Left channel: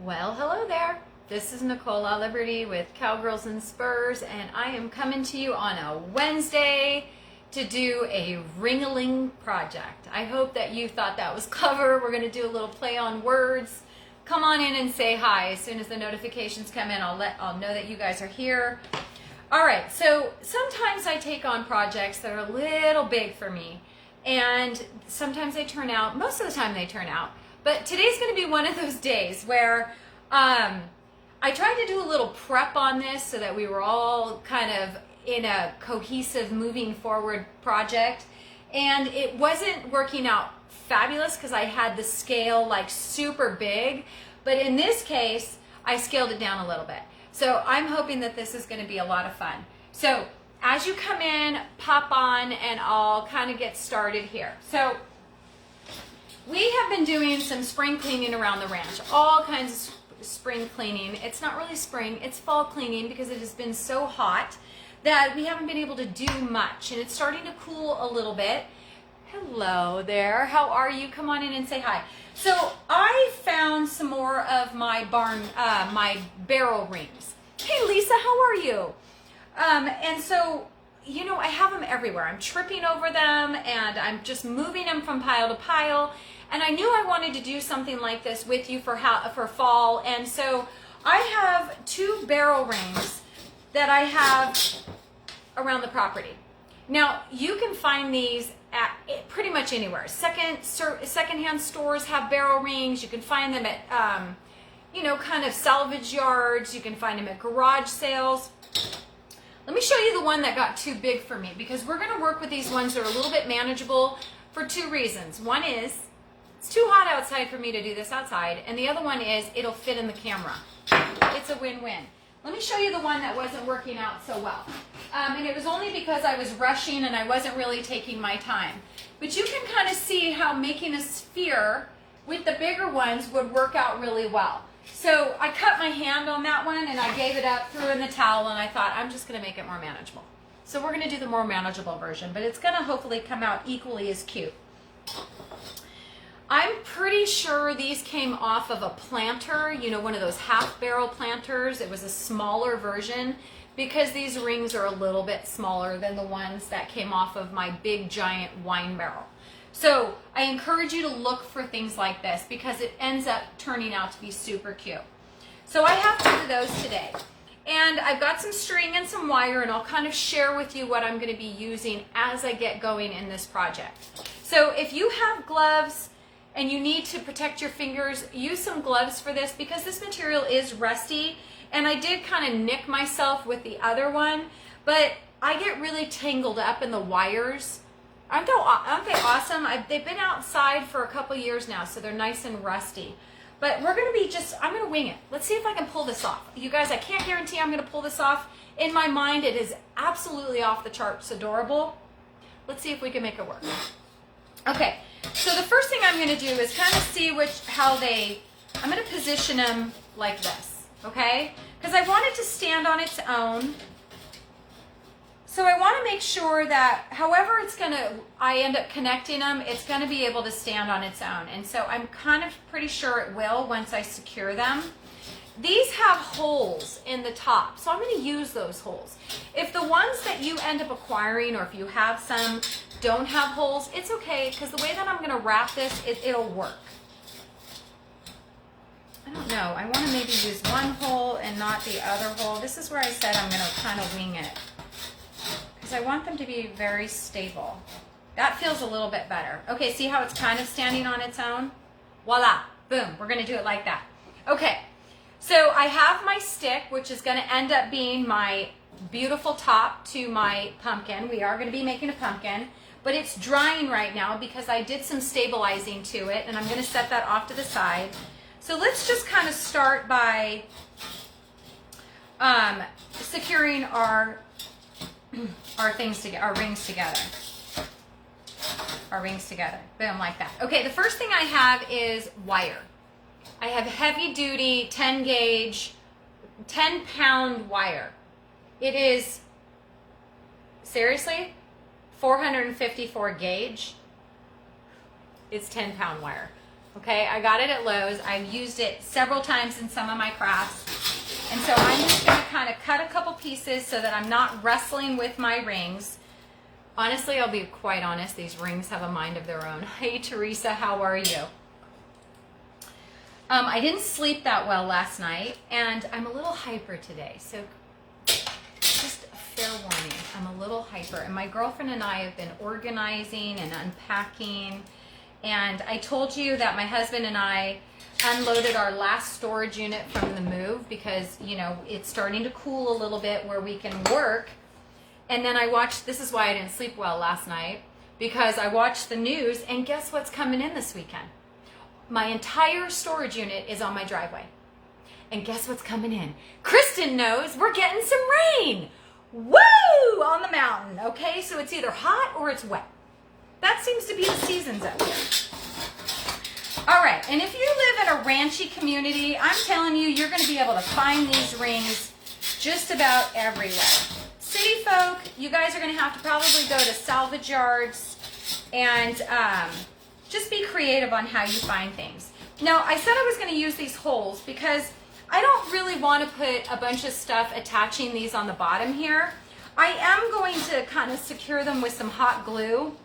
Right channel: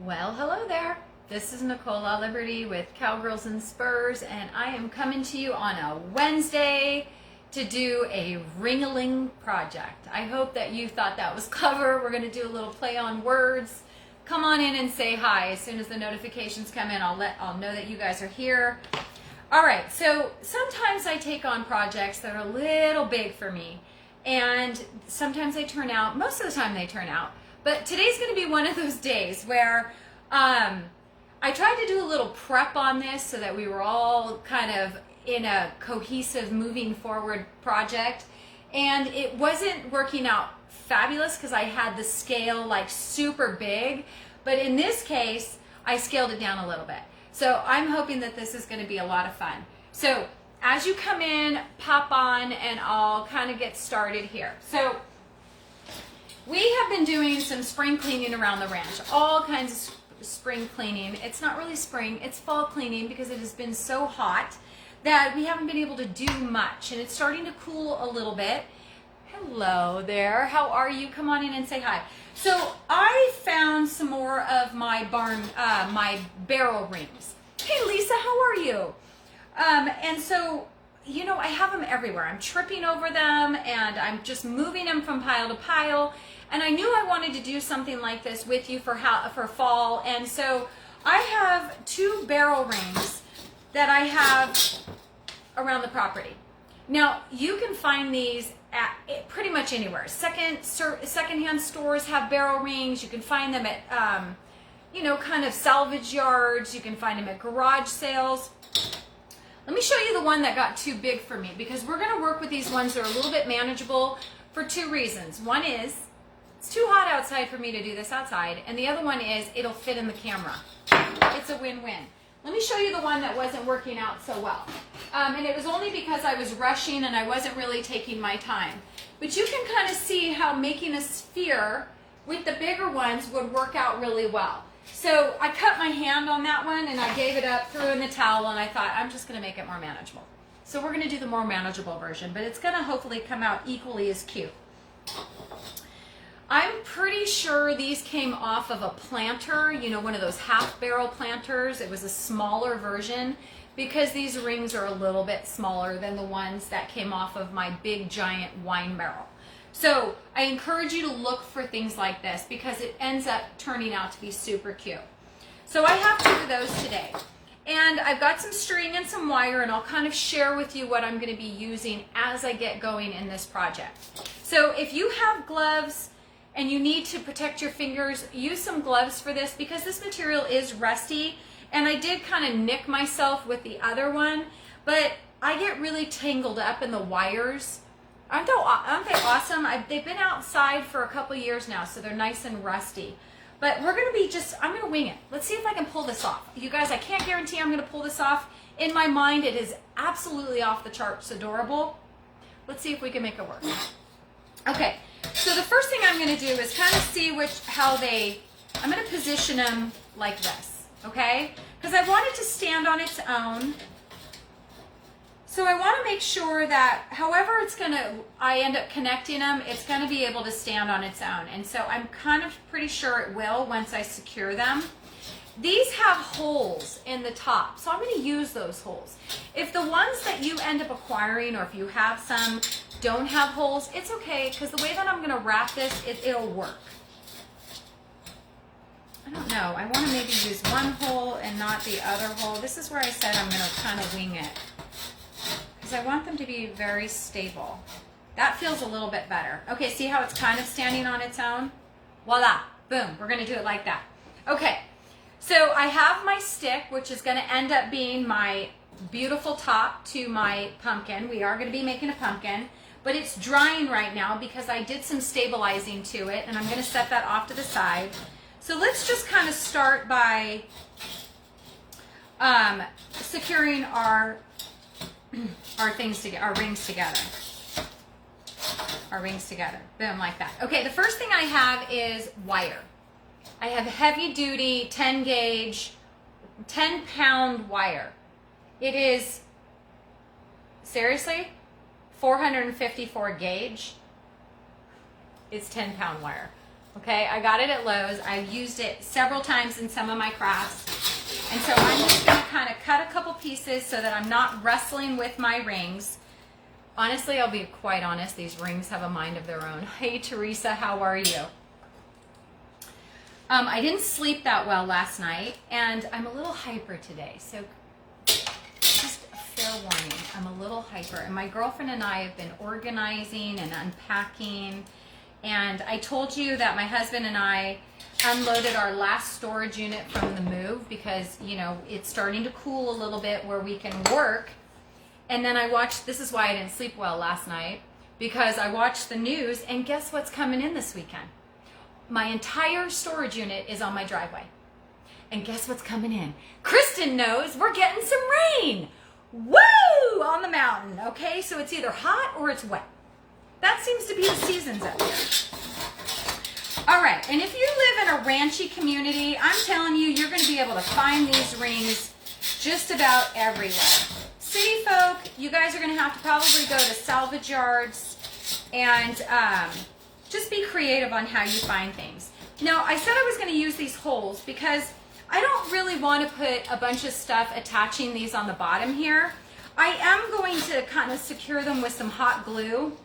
Well, hello there. This is Nicole at Liberty with Cowgirls and Spurs, and I am coming to you on a Wednesday to do a ring-a-ling project. I hope that you thought that was clever. We're going to do a little play on words. Come on in and say hi. As soon as the notifications come in, I'll know that you guys are here. All right, so sometimes I take on projects that are a little big for me, and sometimes they turn out, most of the time they turn out. But today's going to be one of those days where I tried to do a little prep on this so that we were all kind of in a cohesive moving forward project. And it wasn't working out fabulous because I had the scale like super big. But in this case, I scaled it down a little bit. So I'm hoping that this is going to be a lot of fun. So as you come in, pop on, and I'll kind of get started here. So we have been doing some spring cleaning around the ranch, all kinds of spring cleaning. It's not really spring, it's fall cleaning because it has been so hot that we haven't been able to do much, and it's starting to cool a little bit. Hello there, how are you? Come on in and say hi. So I found some more of my my barrel rings. Hey Lisa, how are you? And so, you know, I have them everywhere. I'm tripping over them and I'm just moving them from pile to pile. And I knew I wanted to do something like this with you for fall. And so I have 2 barrel rings that I have around the property. Now, you can find these at pretty much anywhere. Secondhand stores have barrel rings. You can find them at, you know, kind of salvage yards. You can find them at garage sales. Let me show you the one that got too big for me, because we're going to work with these ones that are a little bit manageable for 2 reasons. One is it's too hot outside for me to do this outside, and the other one is it'll fit in the camera. It's a win-win. Let me show you the one that wasn't working out so well. And it was only because I was rushing and I wasn't really taking my time. But you can kind of see how making a sphere with the bigger ones would work out really well. So I cut my hand on that one and I gave it up, threw in the towel, and I thought I'm just going to make it more manageable. So we're going to do the more manageable version, but it's going to hopefully come out equally as cute. I'm pretty sure these came off of a planter, you know, one of those half barrel planters. It was a smaller version because these rings are a little bit smaller than the ones that came off of my big giant wine barrel. So I encourage you to look for things like this because it ends up turning out to be super cute. So I have 2 of those today. And I've got some string and some wire, and I'll kind of share with you what I'm going to be using as I get going in this project. So if you have gloves and you need to protect your fingers, use some gloves for this because this material is rusty. And I did kind of nick myself with the other one, but I get really tangled up in the wires. Aren't they awesome? They've been outside for a couple years now, so they're nice and rusty. But we're going to be I'm going to wing it. Let's see if I can pull this off. You guys, I can't guarantee I'm going to pull this off. In my mind, it is absolutely off the charts adorable. Let's see if we can make it work. Okay, so the first thing I'm going to do is kind of see I'm going to position them like this, okay? Because I want it to stand on its own. So I want to make sure that however I end up connecting them, it's going to be able to stand on its own. And so I'm kind of pretty sure it will once I secure them. These have holes in the top, so I'm going to use those holes. If the ones that you end up acquiring, or if you have some, don't have holes, it's okay, because the way that I'm going to wrap this, it'll work. I don't know. I want to maybe use one hole and not the other hole. This is where I said I'm going to kind of wing it, because I want them to be very stable. That feels a little bit better. Okay, see how it's kind of standing on its own? Voila, boom, we're going to do it like that. Okay, so I have my stick, which is going to end up being my beautiful top to my pumpkin. We are going to be making a pumpkin, but it's drying right now because I did some stabilizing to it, and I'm going to set that off to the side. So let's just kind of start by securing our rings together. Boom, like that. Okay, the first thing I have is wire. I have heavy duty 10 gauge, 10 pound wire. It is, seriously, 454 gauge. It's 10 pound wire. Okay, I got it at Lowe's. I used it several times in some of my crafts. And so I'm just going to kind of cut a couple pieces so that I'm not wrestling with my rings. Honestly, I'll be quite honest, these rings have a mind of their own. Hey, Teresa, how are you? I didn't sleep that well last night, and I'm a little hyper today. So just a fair warning, I'm a little hyper. And my girlfriend and I have been organizing and unpacking. And I told you that my husband and I unloaded our last storage unit from the move because, you know, it's starting to cool a little bit where we can work. And then I watched, this is why I didn't sleep well last night, because I watched the news, and guess what's coming in this weekend? My entire storage unit is on my driveway. And guess what's coming in? Kristen knows we're getting some rain. Woo! On the mountain, okay? So it's either hot or it's wet. That seems to be the seasons up here. All right, and if you live in a ranchy community, I'm telling you, you're going to be able to find these rings just about everywhere. City folk, you guys are going to have to probably go to salvage yards and just be creative on how you find things. Now, I said I was going to use these holes because I don't really want to put a bunch of stuff attaching these on the bottom here. I am going to kind of secure them with some hot glue,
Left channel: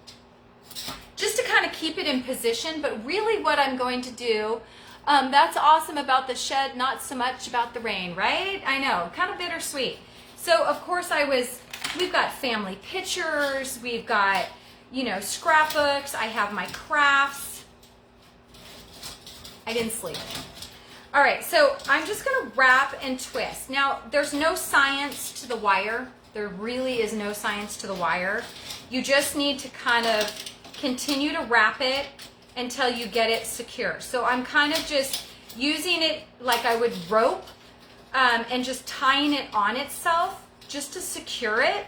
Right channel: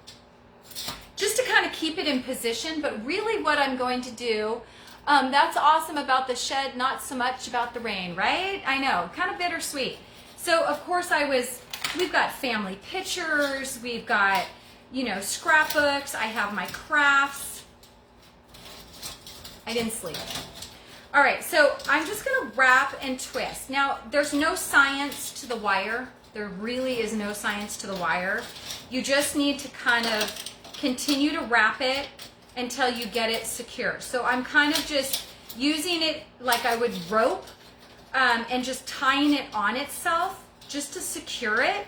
just to kind of keep it in position. But really what I'm going to do, that's awesome about the shed, not so much about the rain, right? I know, kind of bittersweet. So of course we've got family pictures, we've got, you know, scrapbooks, I have my crafts. I didn't sleep. All right, so I'm just gonna wrap and twist. Now, there's no science to the wire. There really is no science to the wire. You just need to kind of continue to wrap it until you get it secure. So I'm kind of just using it like I would rope and just tying it on itself just to secure it.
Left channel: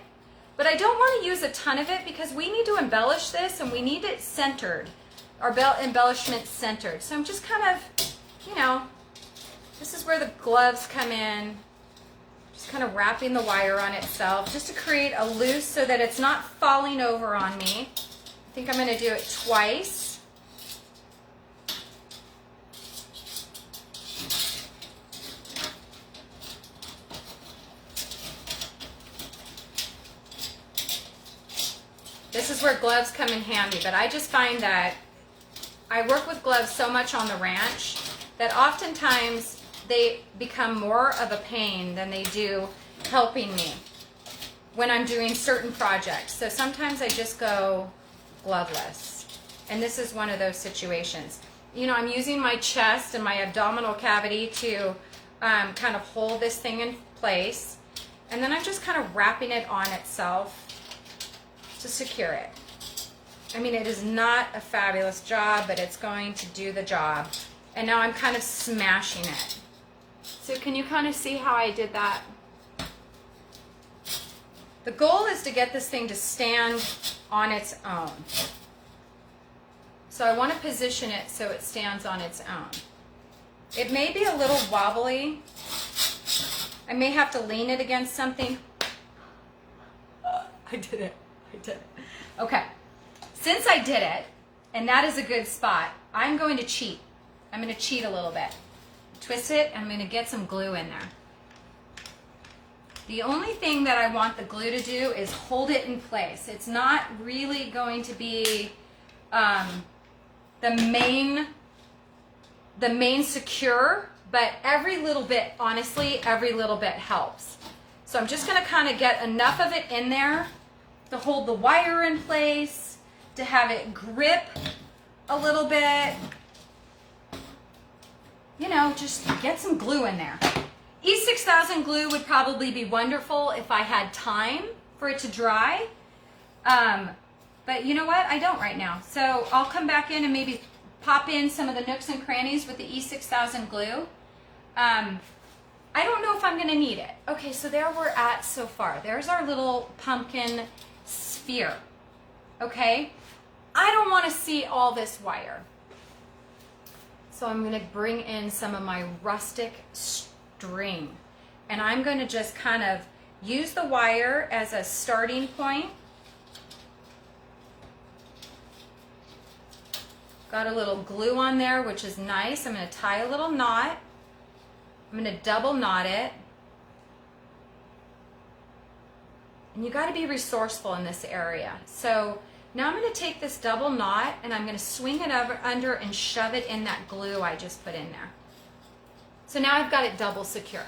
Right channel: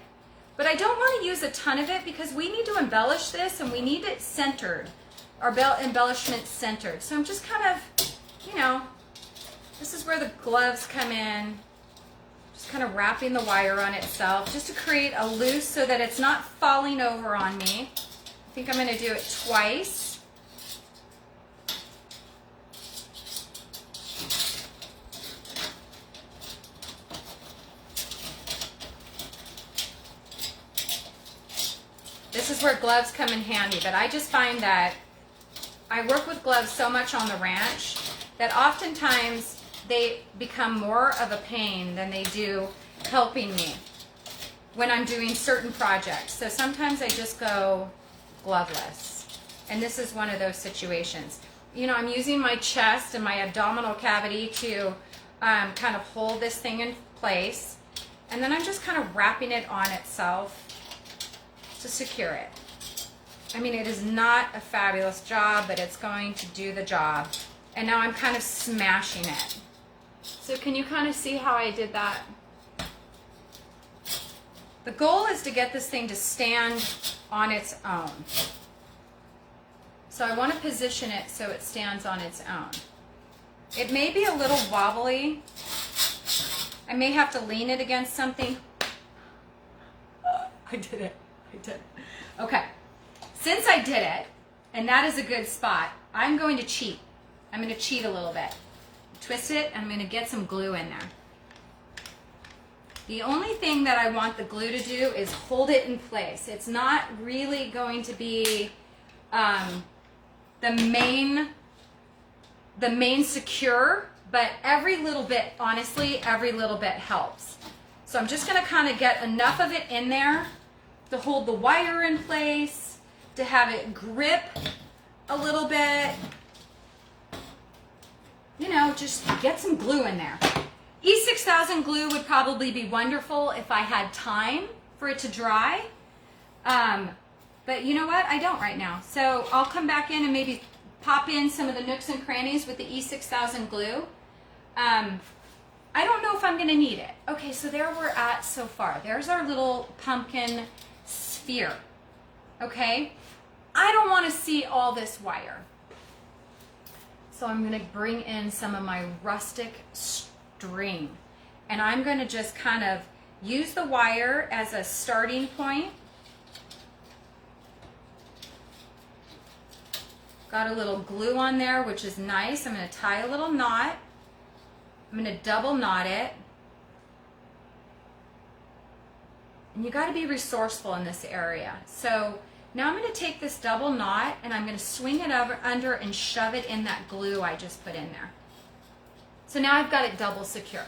But I don't want to use a ton of it because we need to embellish this and we need it centered, our belt embellishment centered. So I'm just kind of, you know, this is where the gloves come in. Just kind of wrapping the wire on itself just to create a loose so that it's not falling over on me. I think I'm going to do it twice. This is where gloves come in handy, but I just find that I work with gloves so much on the ranch that oftentimes they become more of a pain than they do helping me when I'm doing certain projects. So sometimes I just go gloveless, and this is one of those situations. You know, I'm using my chest and my abdominal cavity to kind of hold this thing in place, and then I'm just kind of wrapping it on itself to secure it. I mean, it is not a fabulous job, but it's going to do the job. And now I'm kind of smashing it. So can you kind of see how I did that? The goal is to get this thing to stand on its own. So I want to position it so it stands on its own. It may be a little wobbly. I may have to lean it against something. I did it. Okay, since I did it, and that is a good spot, I'm going to cheat. I'm going to cheat a little bit. Twist it, and I'm going to get some glue in there. The only thing that I want the glue to do is hold it in place. It's not really going to be the main secure, but every little bit, honestly, every little bit helps. So I'm just going to kind of get enough of it in there to hold the wire in place, to have it grip a little bit. You know, just get some glue in there. E6000 glue would probably be wonderful if I had time for it to dry. But you know what? I don't right now. So I'll come back in and maybe pop in some of the nooks and crannies with the E6000 glue. I don't know if I'm going to need it. Okay, so there we're at so far. There's our little pumpkin sphere. Okay? I don't want to see all this wire. So I'm going to bring in some of my rustic string. And I'm going to just kind of use the wire as a starting point. Got a little glue on there, which is nice. I'm going to tie a little knot. I'm going to double knot it. And you got to be resourceful in this area. So now I'm going to take this double knot and I'm going to swing it over under and shove it in that glue I just put in there. So now I've got it double secure.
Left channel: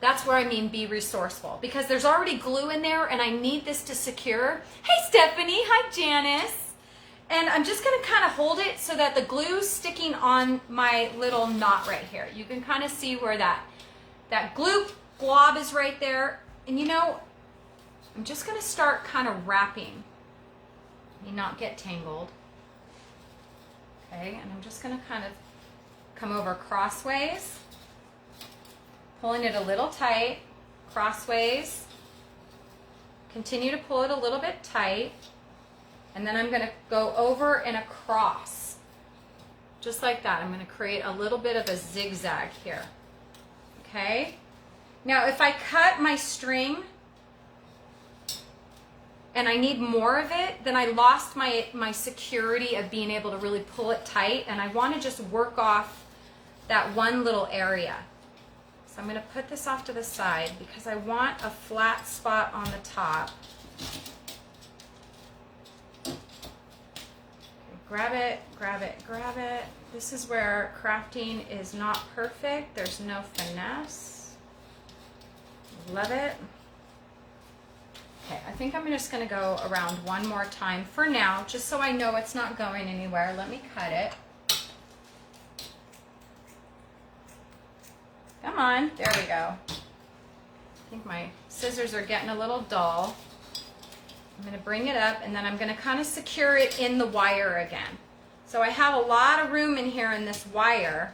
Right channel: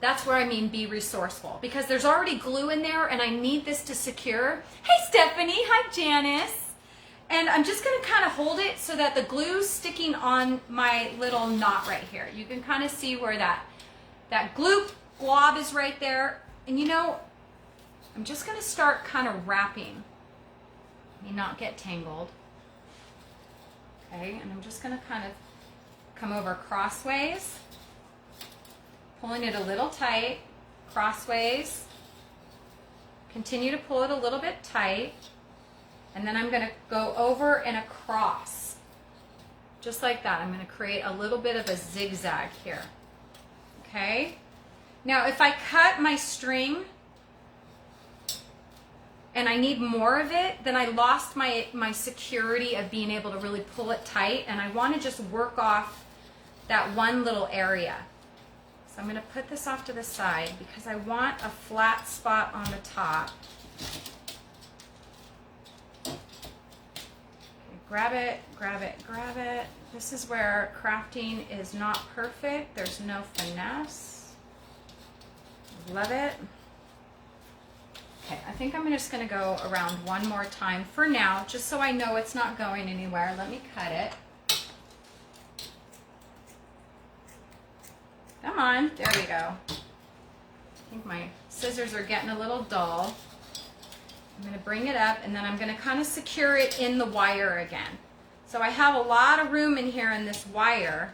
That's where I mean be resourceful, because there's already glue in there and I need this to secure. Hey Stephanie, hi Janice. And I'm just going to kind of hold it so that the glue's sticking on my little knot right here. You can kind of see where that glue glob is right there. And you know, I'm just going to start kind of wrapping and not get tangled. Okay, and I'm just going to kind of come over crossways, pulling it a little tight, crossways, continue to pull it a little bit tight, and then I'm going to go over and across, just like that. I'm going to create a little bit of a zigzag here, okay? Now if I cut my string and I need more of it, then I lost my security of being able to really pull it tight, and I want to just work off that one little area. So I'm going to put this off to the side because I want a flat spot on the top. Okay, grab it, grab it, grab it. This is where crafting is not perfect. There's no finesse. Love it. Okay, I think I'm just going to go around one more time for now, just so I know it's not going anywhere. Let me cut it. Come on, there we go. I think my scissors are getting a little dull. I'm going to bring it up and then I'm going to kind of secure it in the wire again. So I have a lot of room in here in this wire.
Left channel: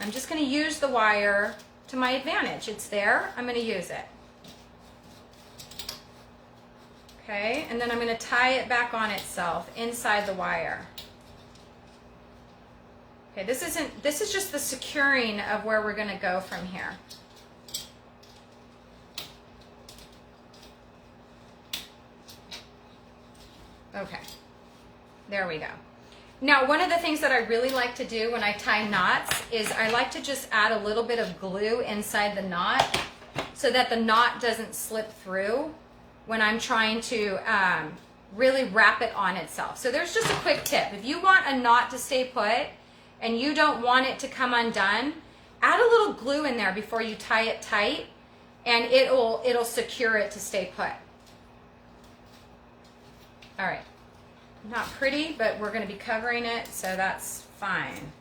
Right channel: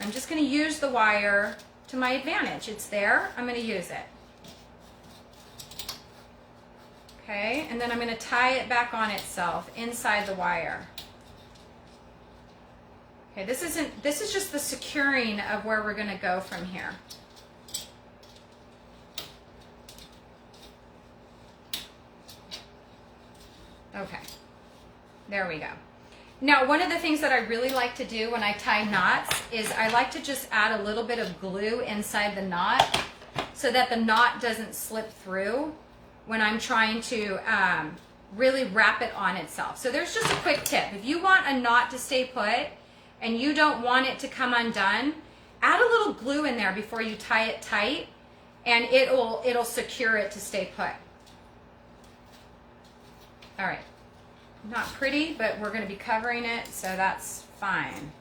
I'm just going to use the wire to my advantage. It's there, I'm going to use it. Okay, and then I'm going to tie it back on itself inside the wire. Okay, this is just the securing of where we're going to go from here. Okay, there we go. Now, one of the things that I really like to do when I tie knots is I like to just add a little bit of glue inside the knot so that the knot doesn't slip through when I'm trying to really wrap it on itself. So there's just a quick tip. If you want a knot to stay put and you don't want it to come undone, add a little glue in there before you tie it tight and it'll secure it to stay put. All right, not pretty, but we're going to be covering it, so that's fine.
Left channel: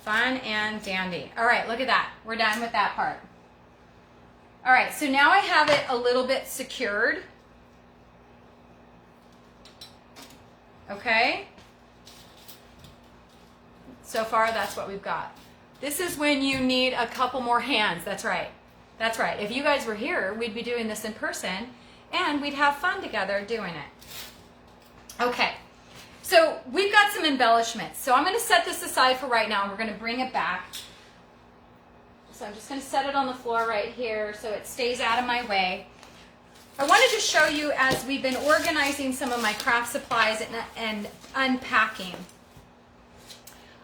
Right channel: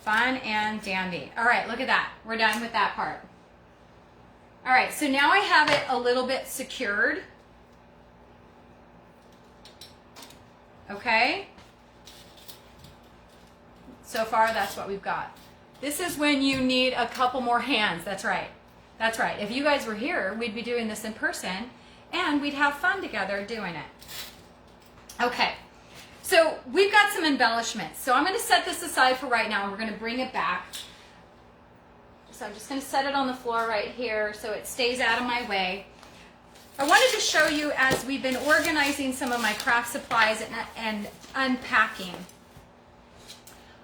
Fun and dandy. All right, look at that. We're done with that part. All right, so now I have it a little bit secured. Okay. So far, that's what we've got. This is when you need a couple more hands. That's right. That's right. If you guys were here, we'd be doing this in person, and we'd have fun together doing it. Okay, so we've got some embellishments. So I'm going to set this aside for right now, and we're going to bring it back. So I'm just going to set it on the floor right here so it stays out of my way. I wanted to show you as we've been organizing some of my craft supplies and unpacking.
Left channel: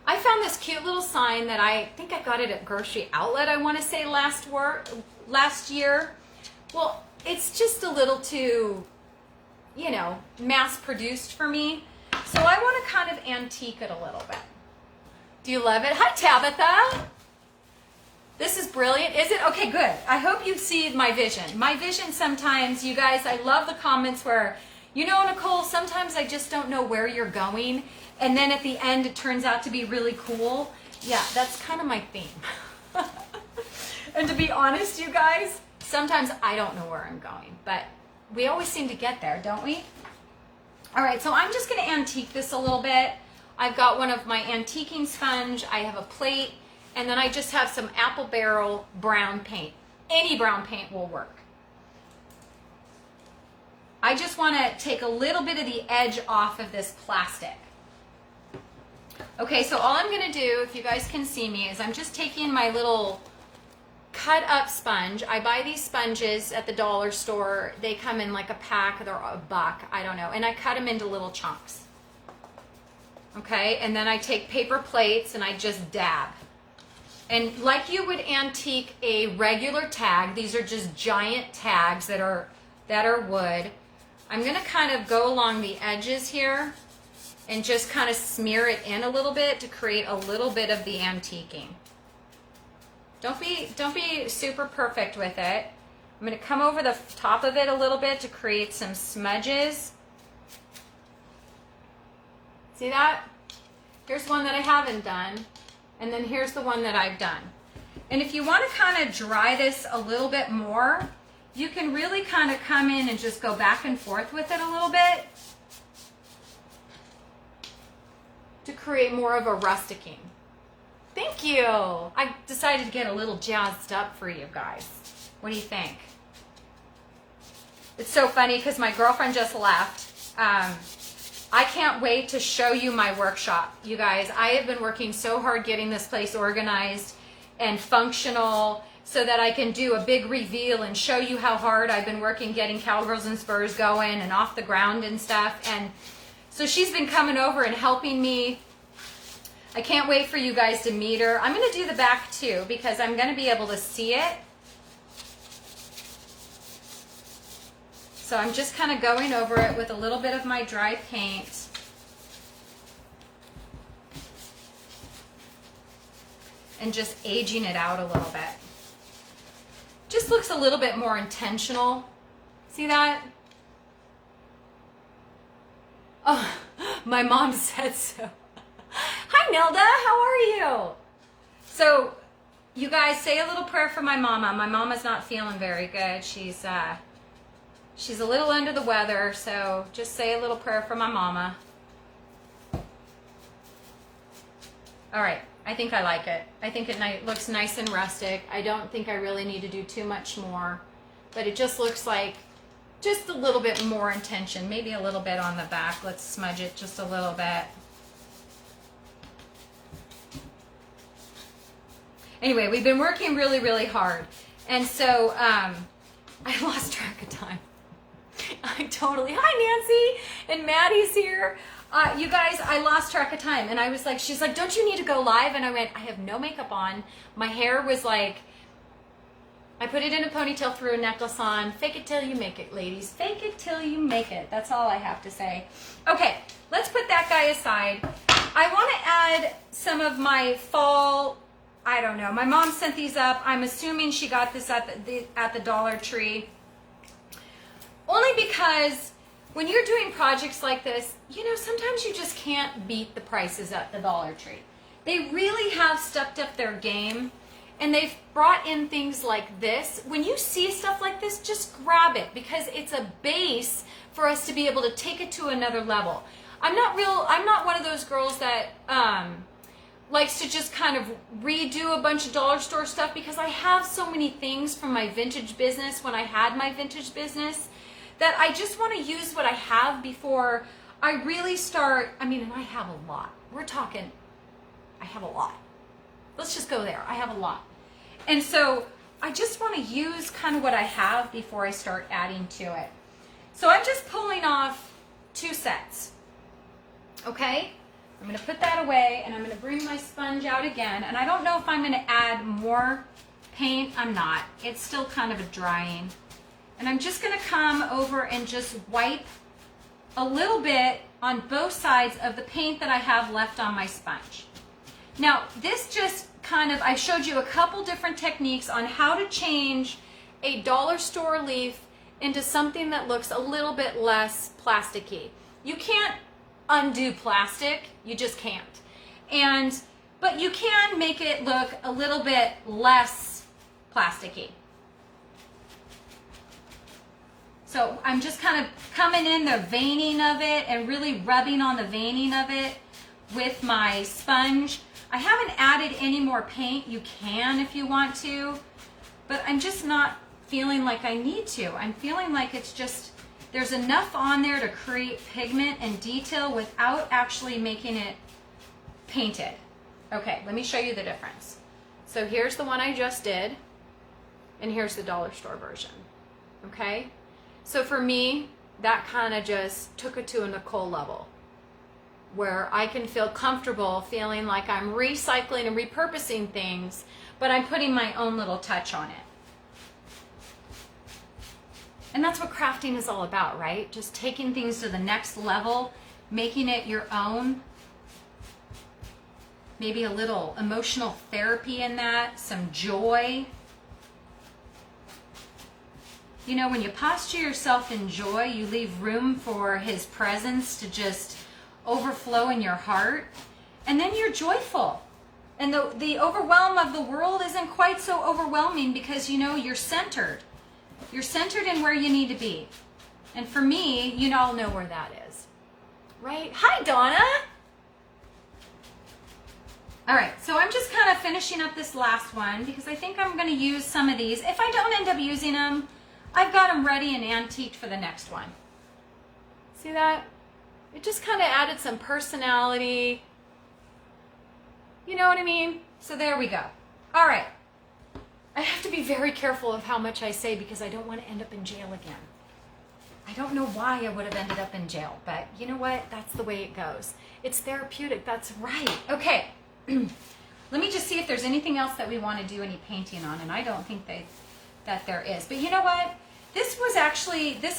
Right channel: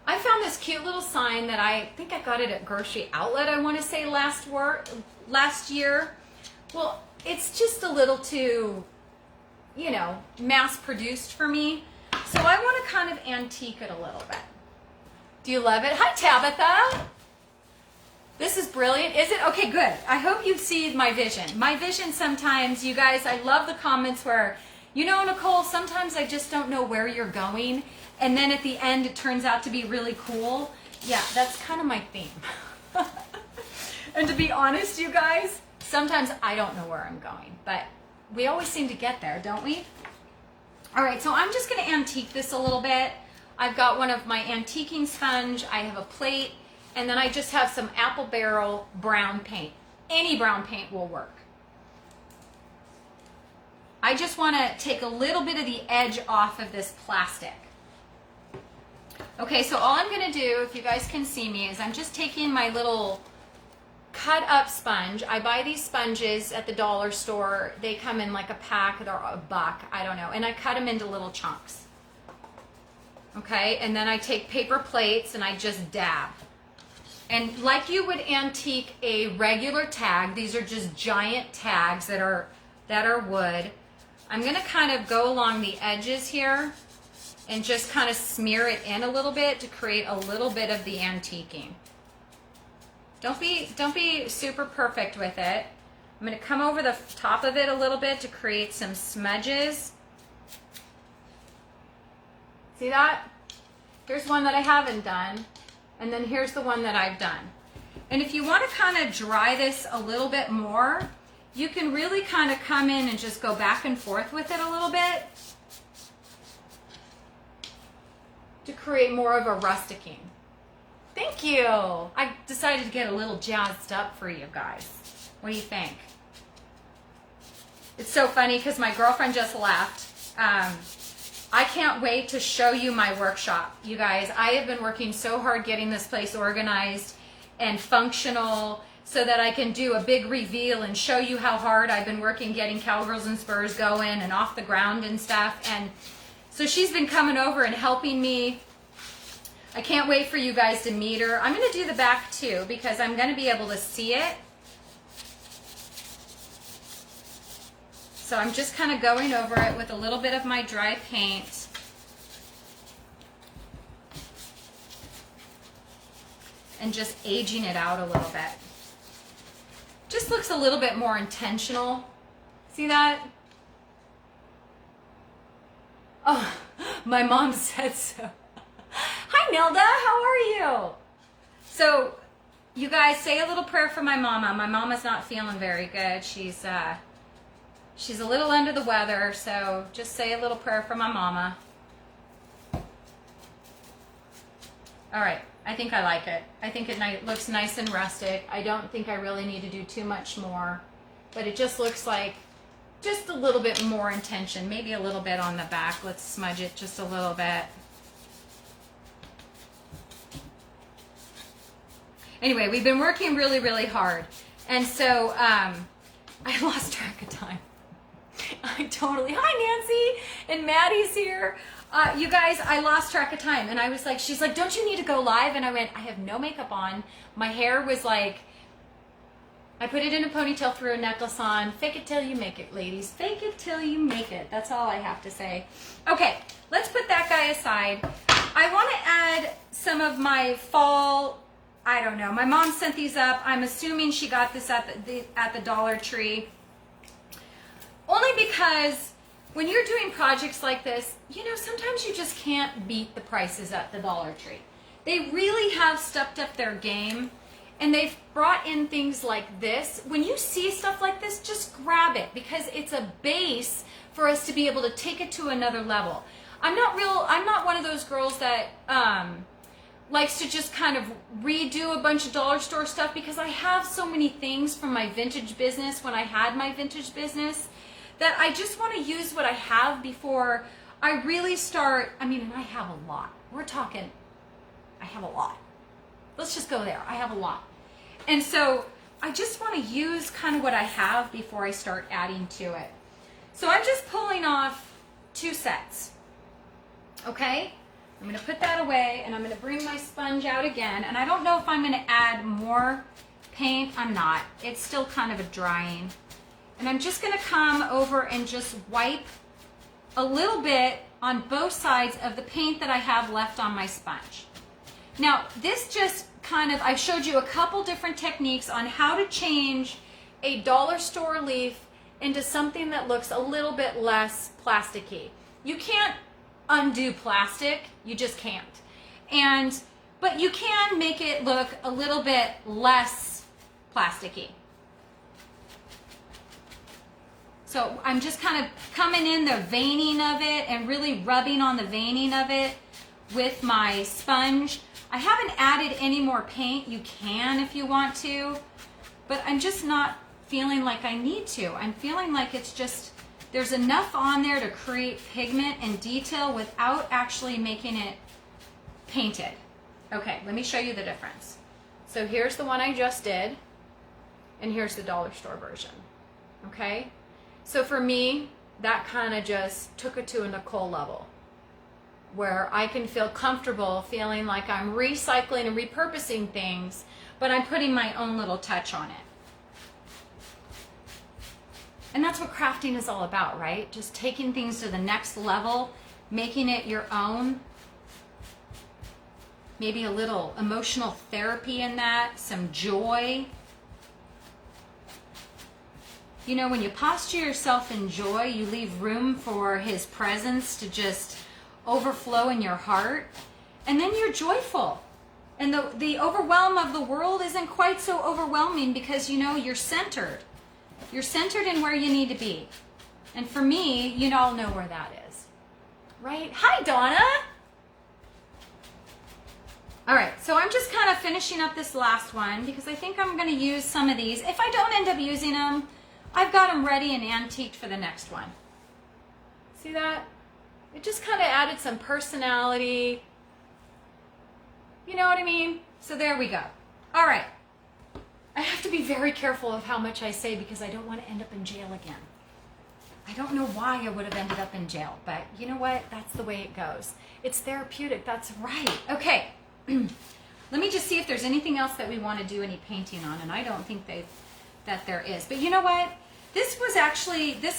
I found this cute little sign that I think I got it at Grocery Outlet, I want to say last year. Well, it's just a little too, you know, mass produced for me. So I want to kind of antique it a little bit. Do you love it? Hi, Tabitha. This is brilliant. Is it? Okay, good. I hope you see my vision. My vision sometimes, you guys, I love the comments where, you know, Nicole, sometimes I just don't know where you're going. And then at the end, it turns out to be really cool. Yeah, that's kind of my theme. And to be honest, you guys, sometimes I don't know where I'm going. But we always seem to get there, don't we? All right, so I'm just going to antique this a little bit. I've got one of my antiquing sponge. I have a plate. And then I just have some Apple Barrel brown paint. Any brown paint will work. I just want to take a little bit of the edge off of this plastic. Okay, so all I'm going to do, if you guys can see me, is I'm just taking my little cut up sponge. I buy these sponges at the dollar store. They come in like a pack, they're $1, I don't know. And I cut them into little chunks. Okay, and then I take paper plates and I just dab. And like you would antique a regular tag, these are just giant tags that are wood. I'm gonna kind of go along the edges here and just kind of smear it in a little bit to create a little bit of the antiquing. Don't be super perfect with it. I'm gonna come over the top of it a little bit to create some smudges. See that? Here's one that I haven't done, and then here's the one that I've done. And if you want to kind of dry this a little bit more, you can really kind of come in and just go back and forth with it a little bit to create more of a rusticing. Thank you. I decided to get a little jazzed up for you guys. What do you think? It's so funny because my girlfriend just left. I can't wait to show you my workshop. You guys, I have been working so hard getting this place organized and functional so that I can do a big reveal and show you how hard I've been working getting Cowgirls and Spurs going and off the ground and stuff. And so she's been coming over and helping me. I can't wait for you guys to meet her. I'm going to do the back too because I'm going to be able to see it. So I'm just kind of going over it with a little bit of my dry paint. And just aging it out a little bit. Just looks a little bit more intentional. See that? Oh, my mom said so. Hi, Nelda. How are you? So, you guys say a little prayer for my mama. My mama's not feeling very good. She's a little under the weather, so just say a little prayer for my mama. All right, I think I like it. I think it looks nice and rustic. I don't think I really need to do too much more, but it just looks like just a little bit more intention, maybe a little bit on the back. Let's smudge it just a little bit. Anyway, we've been working really, really hard, and so I lost track of time. I totally, hi Nancy, and Maddie's here. You guys, I lost track of time, and I was like, she's like, don't you need to go live? And I went, I have no makeup on. My hair was like, I put it in a ponytail, threw a necklace on. Fake it till you make it, ladies. Fake it till you make it. That's all I have to say. Okay, let's put that guy aside. I want to add some of my fall, I don't know. My mom sent these up. I'm assuming she got this at the Dollar Tree. Only because when you're doing projects like this, you know, sometimes you just can't beat the prices at the Dollar Tree. They really have stepped up their game, and they've brought in things like this. When you see stuff like this, just grab it because it's a base for us to be able to take it to another level. I'm not one of those girls that likes to just kind of redo a bunch of dollar store stuff because I have so many things from my vintage business when I had my vintage business that I just want to use what I have before I really start. I mean, and I have a lot. We're talking, I have a lot. Let's just go there. I have a lot. And so I just want to use kind of what I have before I start adding to it. So I'm just pulling off 2 sets. Okay? I'm going to put that away, and I'm going to bring my sponge out again. And I don't know if I'm going to add more paint. I'm not. It's still kind of a drying. And I'm just going to come over and just wipe a little bit on both sides of the paint that I have left on my sponge. Now, this just kind of, I showed you a couple different techniques on how to change a dollar store leaf into something that looks a little bit less plasticky. You can't undo plastic, you just can't. But you can make it look a little bit less plasticky. So I'm just kind of coming in the veining of it and really rubbing on the veining of it with my sponge. I haven't added any more paint. You can if you want to, but I'm just not feeling like I need to. I'm feeling like it's just, there's enough on there to create pigment and detail without actually making it painted. Okay, let me show you the difference. So here's the one I just did, and here's the dollar store version, okay? So for me, that kind of just took it to a Nicole level. where I can feel comfortable feeling like I'm recycling and repurposing things, but I'm putting my own little touch on it. And that's what crafting is all about, right? Just taking things to the next level, making it your own. Maybe a little emotional therapy in that, some joy. You know, when you posture yourself in joy, you leave room for his presence to just overflow in your heart. And then you're joyful. And the overwhelm of the world isn't quite so overwhelming because, you know, you're centered. You're centered in where you need to be. And for me, you all know where that is. Right? Hi, Donna. All right, so I'm just kind of finishing up this last one because I think I'm going to use some of these. If I don't end up using them, I've got them ready and antiqued for the next one. See that? It just kind of added some personality. You know what I mean? So there we go. All right. I have to be very careful of how much I say because I don't want to end up in jail again. I don't know why I would have ended up in jail, but you know what? That's the way it goes. It's therapeutic. That's right. Okay. Let me just see if there's anything else that we want to do any painting on, and I don't think that there is. But you know what? This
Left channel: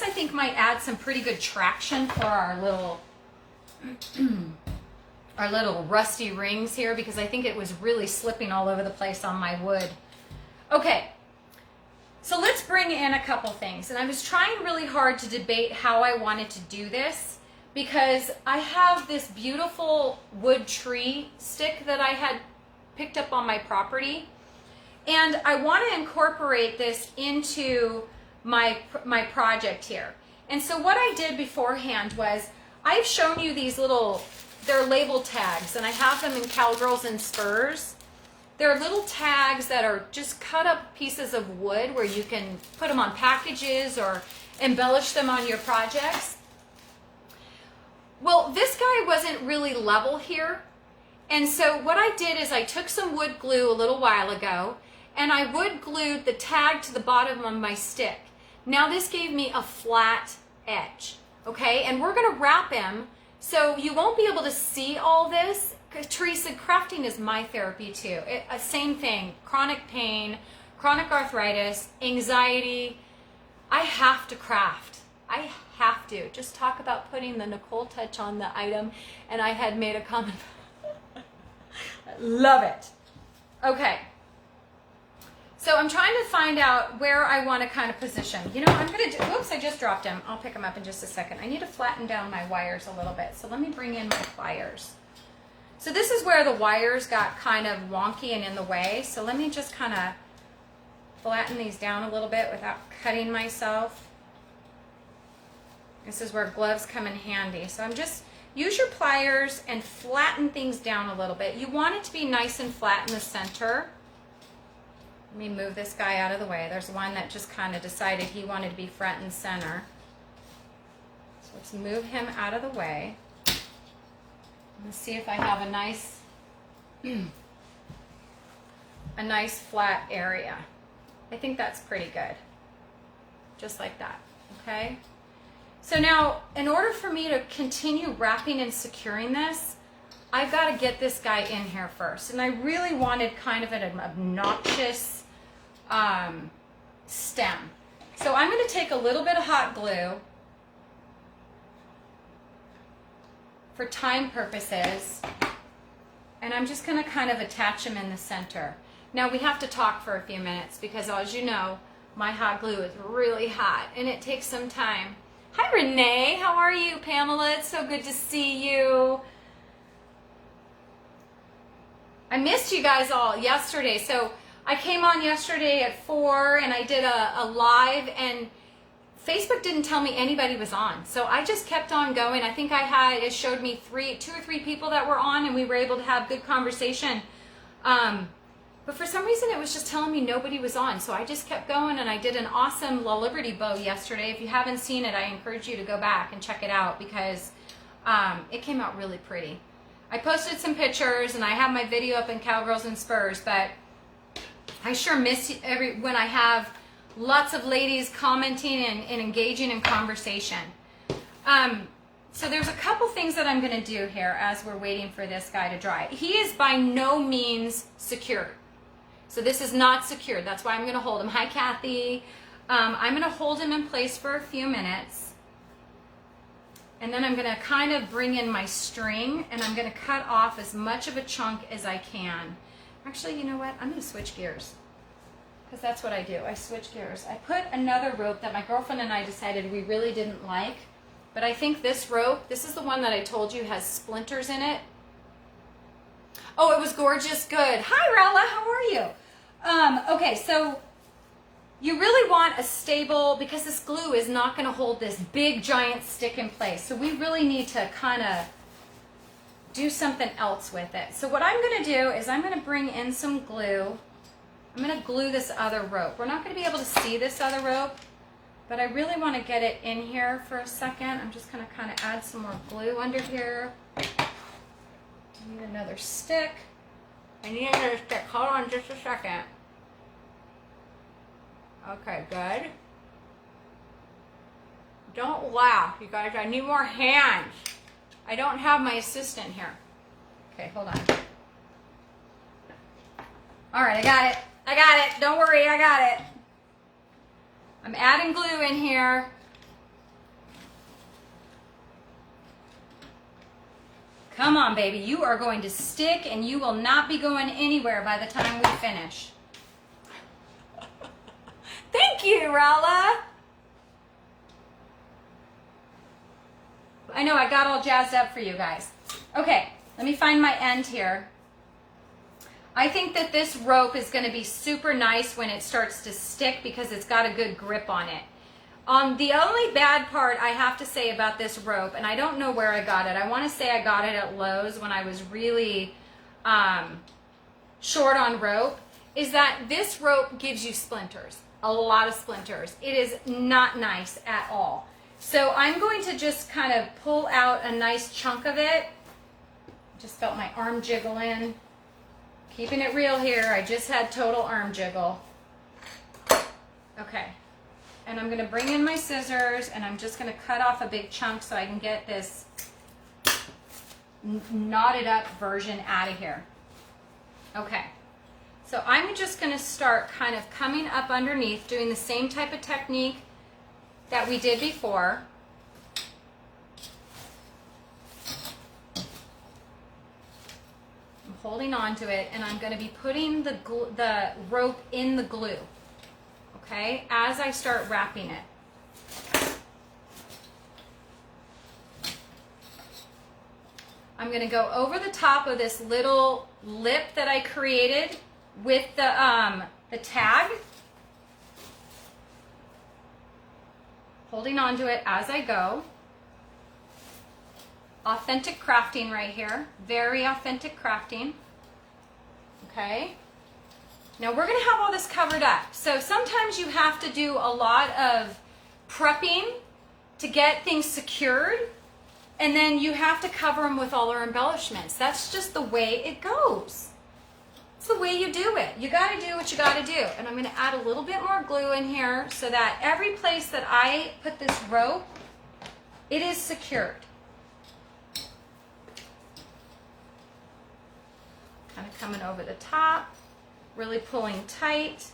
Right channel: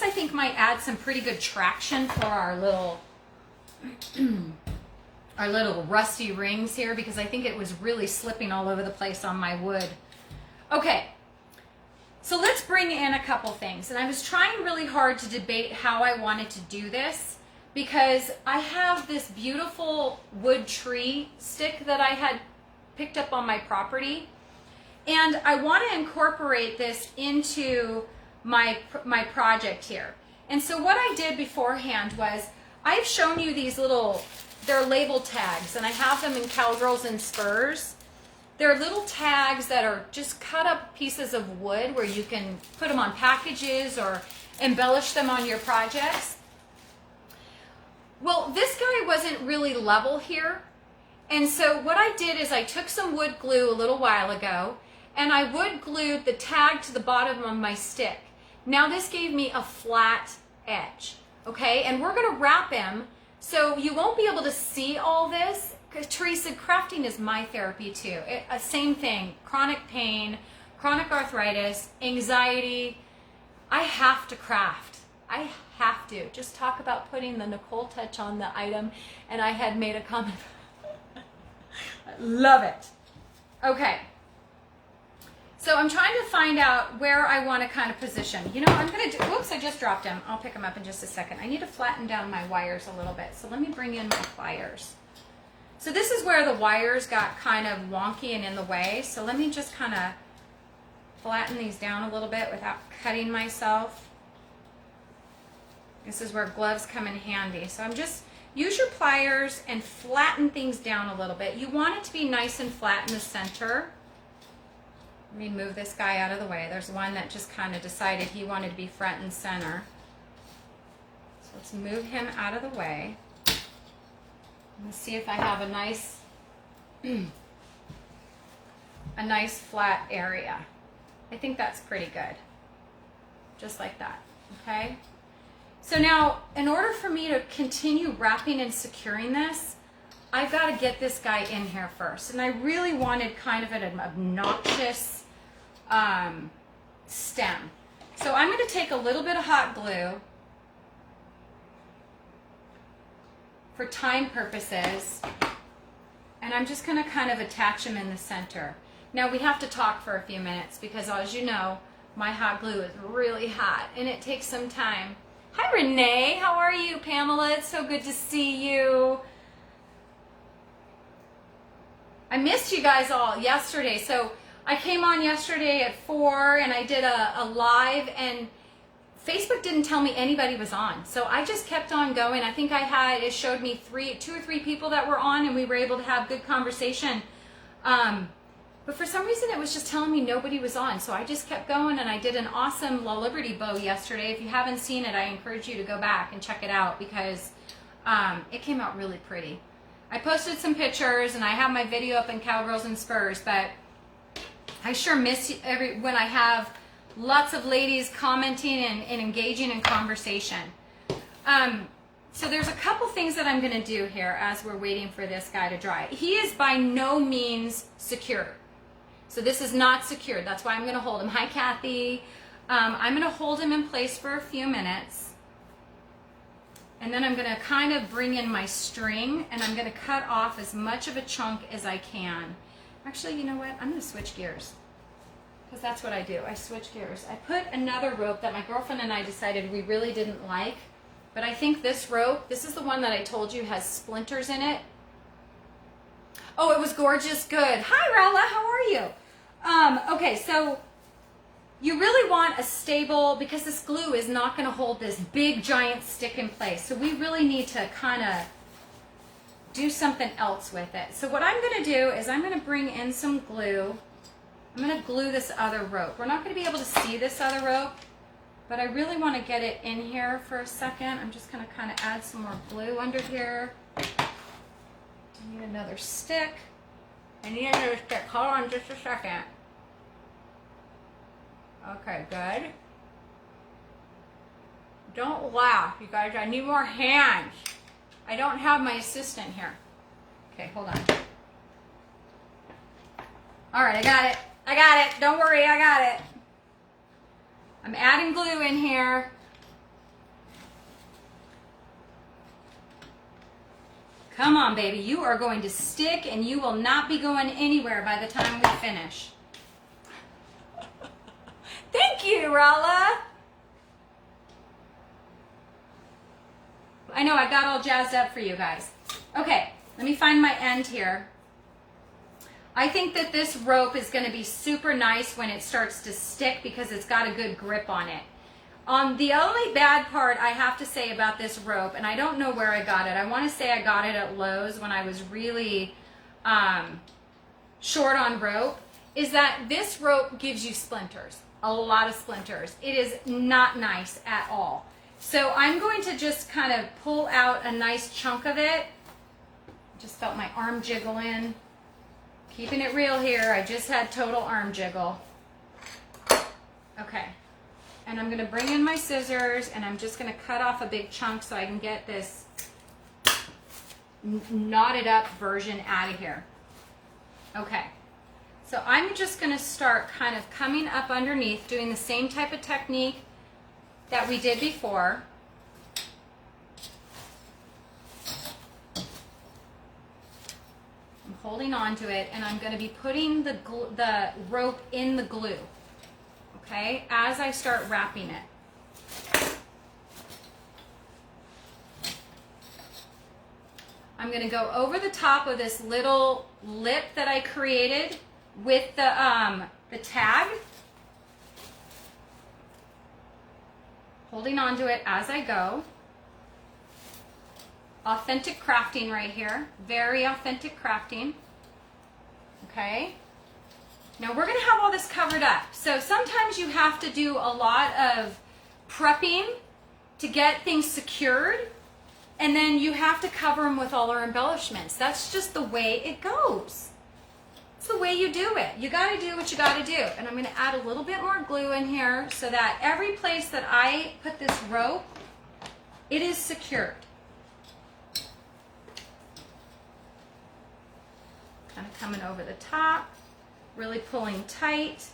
I think might add some pretty good traction for our little rusty rings here because I think it was really slipping all over the place on my wood. Okay, so let's bring in a couple things. And I was trying really hard to debate how I wanted to do this because I have this beautiful wood tree stick that I had picked up on my property. And I want to incorporate this into my project here. And so what I did beforehand was I've shown you these they're label tags, and I have them in Cowgirls and Spurs. They're little tags that are just cut up pieces of wood where you can put them on packages or embellish them on your projects. Well, this guy wasn't really level here. And so what I did is I took some wood glue a little while ago and I wood glued the tag to the bottom of my stick. Now this gave me a flat edge, okay? And we're gonna wrap him so you won't be able to see all this. Teresa, crafting is my therapy too. Same thing, chronic pain, chronic arthritis, anxiety. I have to craft. I have to. Just talk about putting the Nicole touch on the item, and I had made a comment. I love it. Okay. So I'm trying to find out where I want to kind of position. You know, I'm going to do, whoops, I just dropped them. I'll pick them up in just a second. I need to flatten down my wires a little bit. So let me bring in my pliers. So this is where the wires got kind of wonky and in the way. So let me just kind of flatten these down a little bit without cutting myself. This is where gloves come in handy. So I'm just, use your pliers and flatten things down a little bit. You want it to be nice and flat in the center. Let me move this guy out of the way. There's one that just kind of decided he wanted to be front and center. So let's move him out of the way. Let's see if I have a nice flat area. I think that's pretty good. Just like that, okay? So now, in order for me to continue wrapping and securing this, I've got to get this guy in here first. And I really wanted kind of an obnoxious stem. So I'm going to take a little bit of hot glue for time purposes, and I'm just going to kind of attach them in the center. Now we have to talk for a few minutes because, as you know, my hot glue is really hot and it takes some time. Hi Renee, how are you? Pamela, it's so good to see you. I missed you guys all yesterday. So I came on yesterday at 4 and I did a live, and Facebook didn't tell me anybody was on. So I just kept on going. I think it showed me 2 or 3 people that were on, and we were able to have good conversation. But for some reason, it was just telling me nobody was on. So I just kept going, and I did an awesome La Liberty bow yesterday. If you haven't seen it, I encourage you to go back and check it out because it came out really pretty. I posted some pictures, and I have my video up in Cowgirls and Spurs, but I sure miss when I have lots of ladies commenting and engaging in conversation. So there's a couple things that I'm going to do here as we're waiting for this guy to dry. He is by no means secured. So this is not secured. That's why I'm going to hold him. Hi, Kathy. I'm going to hold him in place for a few minutes. And then I'm going to kind of bring in my string, and I'm going to cut off as much of a chunk as I can. Actually, you know what? I'm going to switch gears, because that's what I do. I switch gears. I put another rope that my girlfriend and I decided we really didn't like. But I think this rope, this is the one that I told you has splinters in it. Oh, it was gorgeous. Good. Hi, Rella. How are you? Okay, so you really want a stable, because this glue is not going to hold this big giant stick in place. So we really need to kind of do something else with it. So what I'm going to do is I'm going to bring in some glue. I'm going to glue this other rope. We're not going to be able to see this other rope, but I really want to get it in here for a second. I'm just going to kind of add some more glue under here. I need another stick. I need another stick. Hold on just a second. Okay, good. Don't laugh, you guys. I need more hands. I don't have my assistant here. Okay, hold on. All right, I got it. I got it. Don't worry, I got it. I'm adding glue in here. Come on, baby. You are going to stick, and you will not be going anywhere by the time we finish. Thank you, Rala. I know, I got all jazzed up for you guys. Okay, let me find my end here. I think that this rope is going to be super nice when it starts to stick because it's got a good grip on it. The only bad part I have to say about this rope, and I don't know where I got it. I want to say I got it at Lowe's when I was really short on rope, is that this rope gives you splinters, a lot of splinters. It is not nice at all. So I'm going to just kind of pull out a nice chunk of it. Just felt my arm jiggle in. Keeping it real here, I just had total arm jiggle. Okay, and I'm gonna bring in my scissors and I'm just gonna cut off a big chunk so I can get this knotted up version out of here. Okay, so I'm just gonna start kind of coming up underneath, doing the same type of technique that we did before. I'm holding on to it, and I'm going to be putting the rope in the glue, okay, as I start wrapping it. I'm going to go over the top of this little lip that I created with the tag, holding on to it as I go. Authentic crafting right here. Very authentic crafting. Okay. Now we're going to have all this covered up. So sometimes you have to do a lot of prepping to get things secured. And then you have to cover them with all our embellishments. That's just the way it goes. It's the way you do it. You got to do what you got to do. And I'm going to add a little bit more glue in here so that every place that I put this rope, it is secured. Kind of coming over the top, really pulling tight.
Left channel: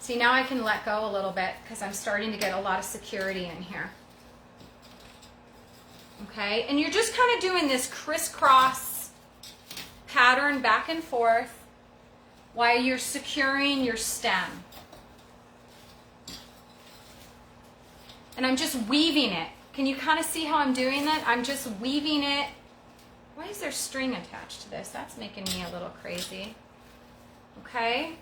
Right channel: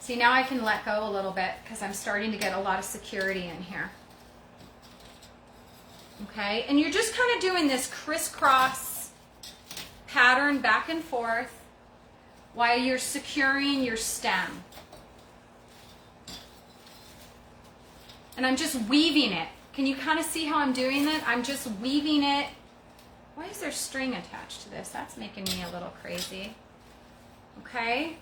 See, now I can let go a little bit because I'm starting to get a lot of security in here. Okay, and you're just kind of doing this crisscross pattern back and forth while you're securing your stem. And I'm just weaving it. Can you kind of see how I'm doing it? I'm just weaving it. Why is there string attached to this? That's making me a little crazy. Okay?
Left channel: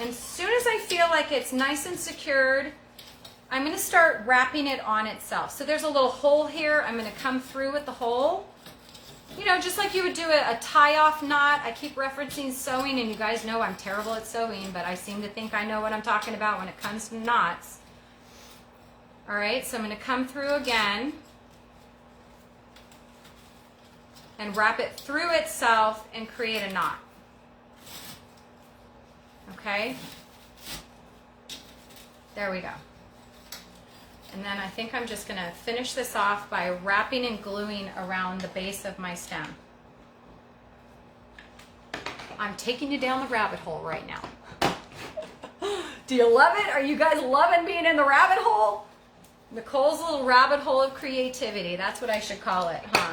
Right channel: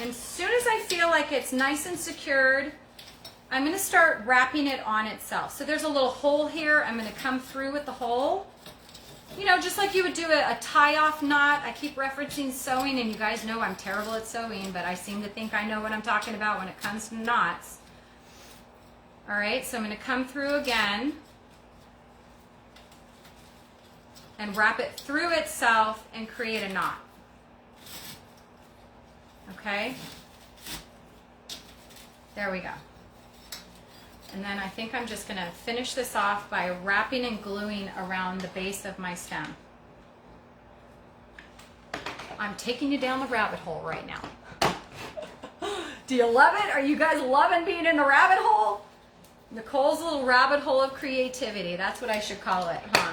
And as soon as I feel like it's nice and secured, I'm going to start wrapping it on itself. So there's a little hole here. I'm going to come through with the hole. You know, just like you would do a tie-off knot. I keep referencing sewing, and you guys know I'm terrible at sewing, but I seem to think I know what I'm talking about when it comes to knots. All right, so I'm going to come through again and wrap it through itself and create a knot. Okay? There we go. And then I think I'm just going to finish this off by wrapping and gluing around the base of my stem. I'm taking you down the rabbit hole right now. Do you love it? Are you guys loving being in the rabbit hole? Nicole's little rabbit hole of creativity. That's what I should call it, huh?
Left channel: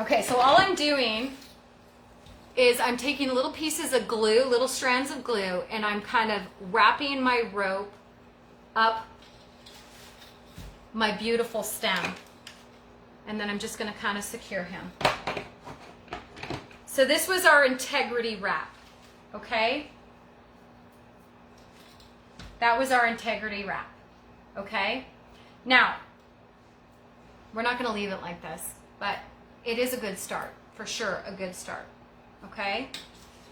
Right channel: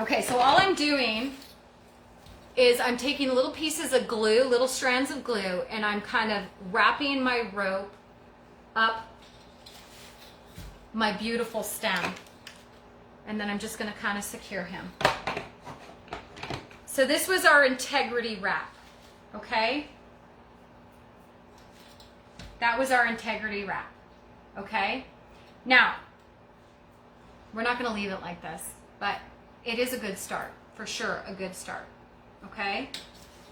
Okay, so all I'm doing is I'm taking little pieces of glue, little strands of glue, and I'm kind of wrapping my rope up my beautiful stem. And then I'm just going to kind of secure him. So this was our integrity wrap, okay? That was our integrity wrap, okay? Now, we're not going to leave it like this, but it is a good start, for sure, a good start, okay?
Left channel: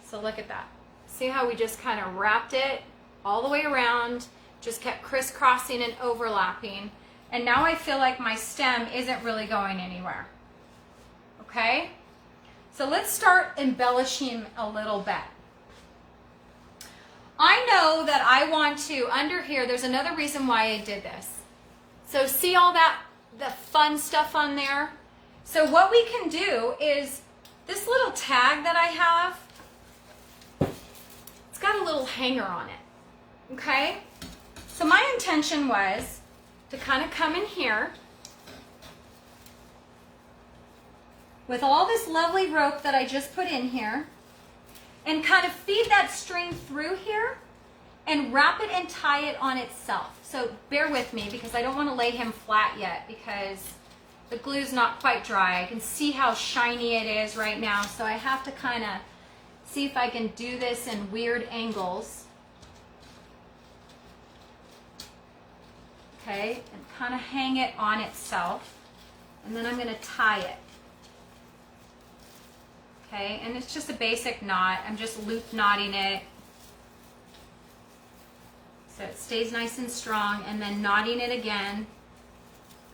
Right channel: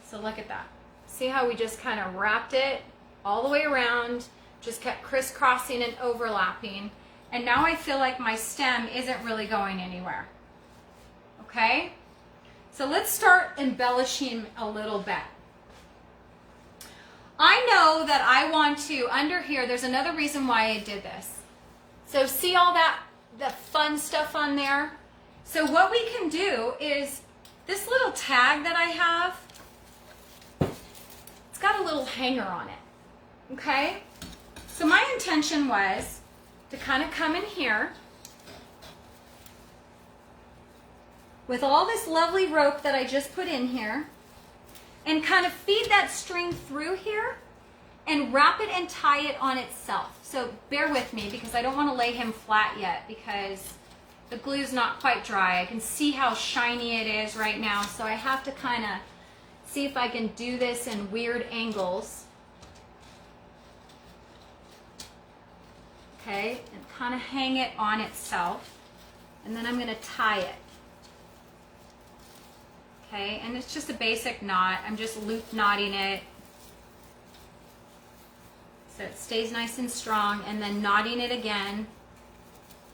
So look at that. See how we just kind of wrapped it all the way around, just kept crisscrossing and overlapping, and now I feel like my stem isn't really going anywhere, okay? So let's start embellishing a little bit. I know that I want to, under here, there's another reason why I did this. So see all that, the fun stuff on there? So what we can do is, this little tag that I have, it's got a little hanger on it, okay? So my intention was to kind of come in here with all this lovely rope that I just put in here, and kind of feed that string through here and wrap it and tie it on itself. So bear with me because I don't want to lay him flat yet because the glue's not quite dry. I can see how shiny it is right now, so I have to kind of see if I can do this in weird angles. Okay, and kind of hang it on itself, and then I'm going to tie it. Okay, and it's just a basic knot. I'm just loop knotting it so it stays nice and strong, and then knotting it again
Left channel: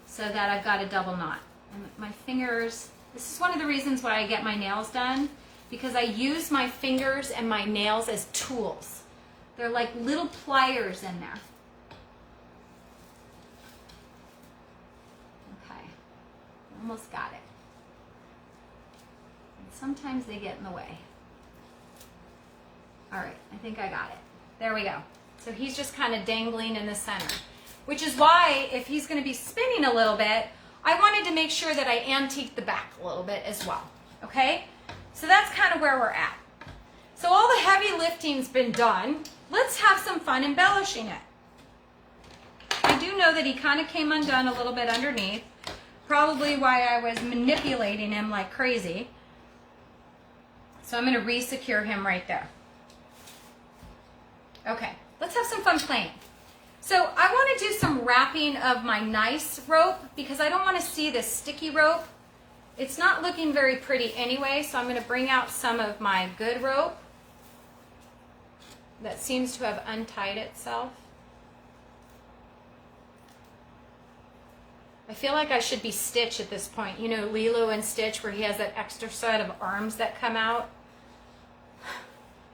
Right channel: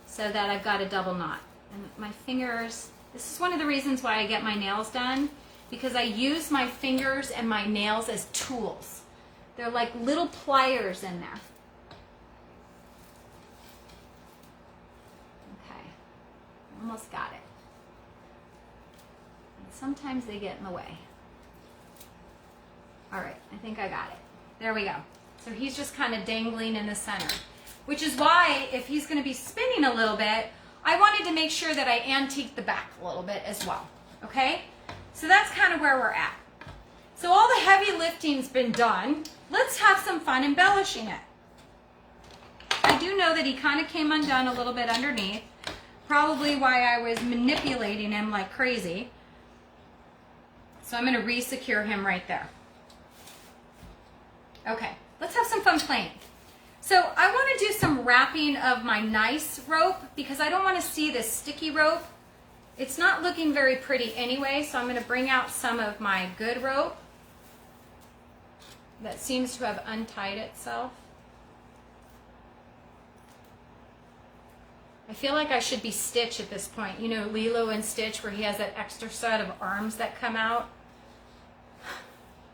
so that I've got a double knot. And my fingers, this is one of the reasons why I get my nails done, because I use my fingers and my nails as tools. They're like little pliers in there. Okay, almost got it. Sometimes they get in the way. All right, I think I got it. There we go. So he's just kind of dangling in the center, which is why if he's going to be spinning a little bit, I wanted to make sure that I antique the back a little bit as well, okay? So that's kind of where we're at. So all the heavy lifting's been done. Let's have some fun embellishing it. I do know that he kind of came undone a little bit underneath, probably why I was manipulating him like crazy. So I'm going to re-secure him right there. Okay, let's have some fun playing. So I want to do some wrapping of my nice rope because I don't want to see this sticky rope. It's not looking very pretty anyway, so I'm going to bring out some of my good rope that seems to have untied itself. I feel like I should be Stitch at this point. You know, Lilo and Stitch, where he has that extra set of arms that come out.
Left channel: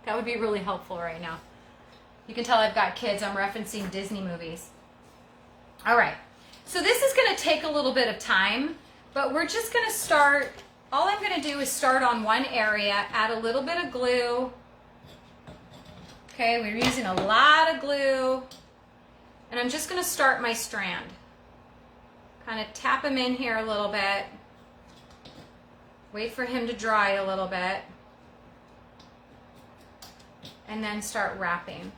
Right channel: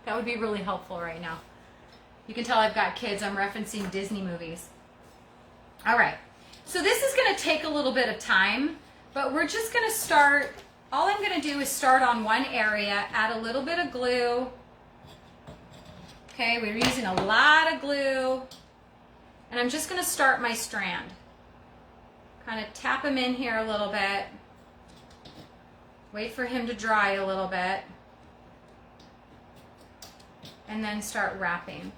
That would be really helpful right now. You can tell I've got kids. I'm referencing Disney movies. All right. So this is going to take a little bit of time, but we're just going to start. All I'm going to do is start on one area, add a little bit of glue. Okay, we're using a lot of glue. And I'm just going to start my strand. Kind of tap him in here a little bit. Wait for him to dry a little bit. And then start wrapping.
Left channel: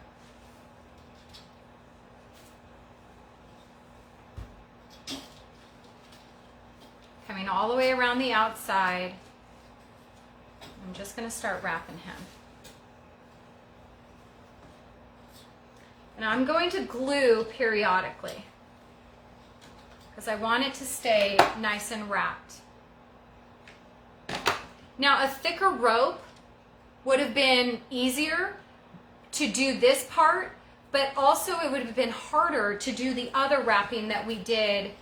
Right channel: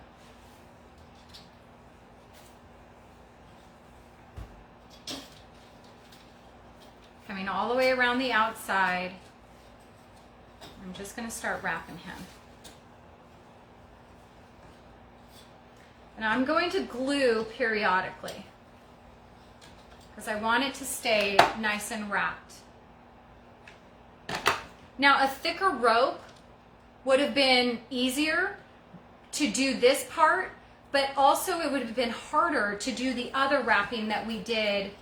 Coming all the way around the outside. I'm just going to start wrapping him. And I'm going to glue periodically because I want it to stay nice and wrapped. Now, a thicker rope would have been easier to do this part, but also it would have been harder to do the other wrapping that we did,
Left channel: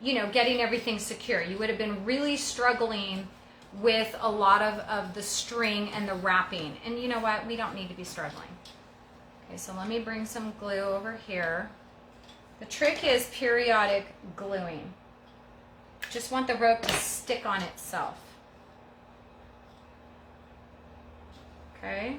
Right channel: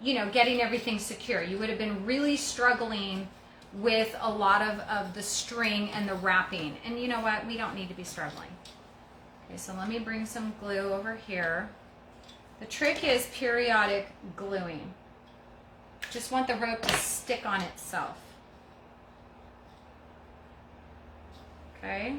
you know, getting everything secure. You would have been really struggling with a lot of the string and the wrapping. And you know what? We don't need to be struggling. Okay, so let me bring some glue over here. The trick is periodic gluing. Just want the rope to stick on itself. Okay.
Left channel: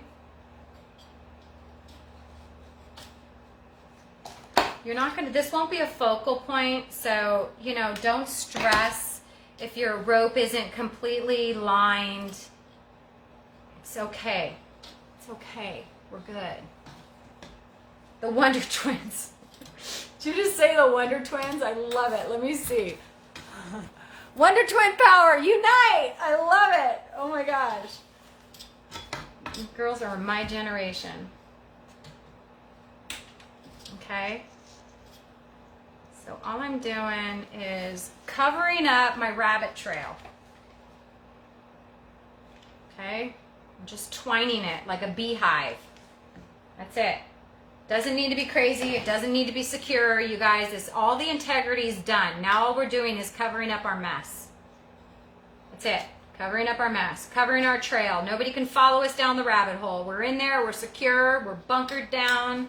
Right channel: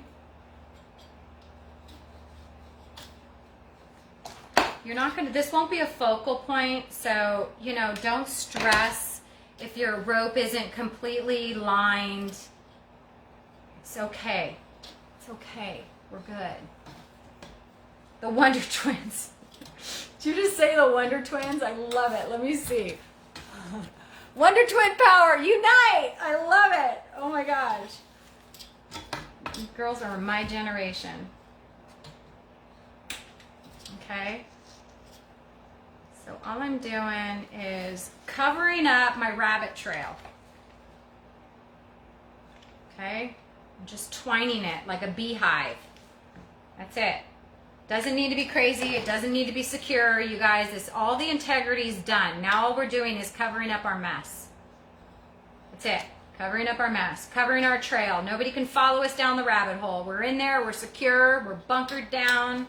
You're not going to, this won't be a focal point, so, you know, don't stress if your rope isn't completely lined. It's okay. It's okay. We're good. The Wonder Twins. Did you just say the Wonder Twins? I love it. Let me see. Wonder Twin power, unite! I love it. Oh my gosh. These girls are my generation. Okay. So all I'm doing is covering up my rabbit trail. Okay. I'm just twining it like a beehive. That's it. Doesn't need to be crazy. It doesn't need to be secure. You guys, this, all the integrity is done. Now all we're doing is covering up our mess. That's it. Covering up our mess. Covering our trail. Nobody can follow us down the rabbit hole. We're in there. We're secure. We're bunkered down.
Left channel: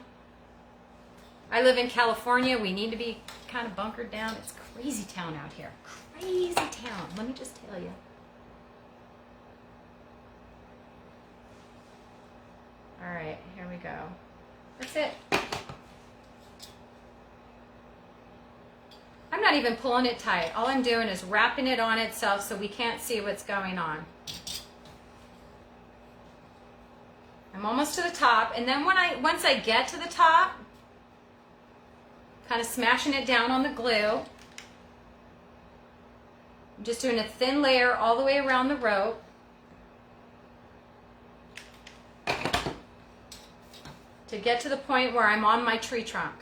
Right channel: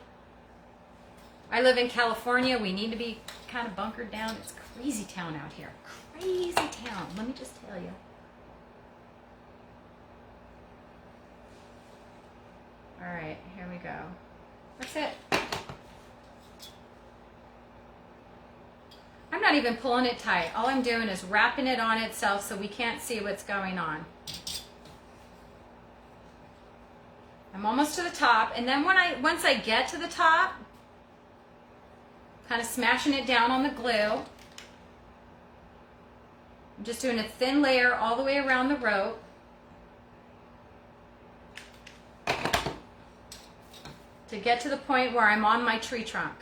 I live in California. We need to be kind of bunkered down. It's crazy town out here. Crazy town. Let me just tell you. All right. Here we go. That's it. I'm not even pulling it tight. All I'm doing is wrapping it on itself so we can't see what's going on. I'm almost to the top, and then once I get to the top, kind of smashing it down on the glue. I'm just doing a thin layer all the way around the rope. To get to the point where I'm on my tree trunk.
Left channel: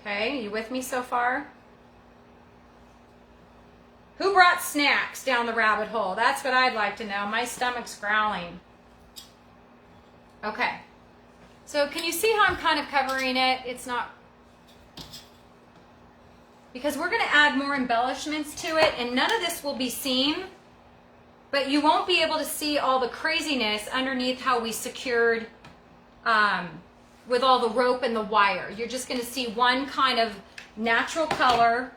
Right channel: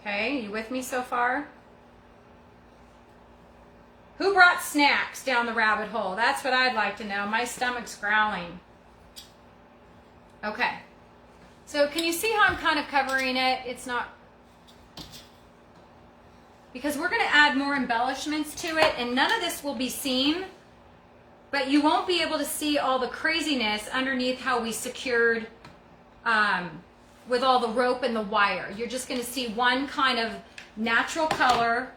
Okay, you with me so far? Who brought snacks down the rabbit hole? That's what I'd like to know. My stomach's growling. Okay, so can you see how I'm kind of covering it? It's not, because we're going to add more embellishments to it, and none of this will be seen, but you won't be able to see all the craziness underneath how we secured with all the rope and the wire. You're just going to see one kind of natural color.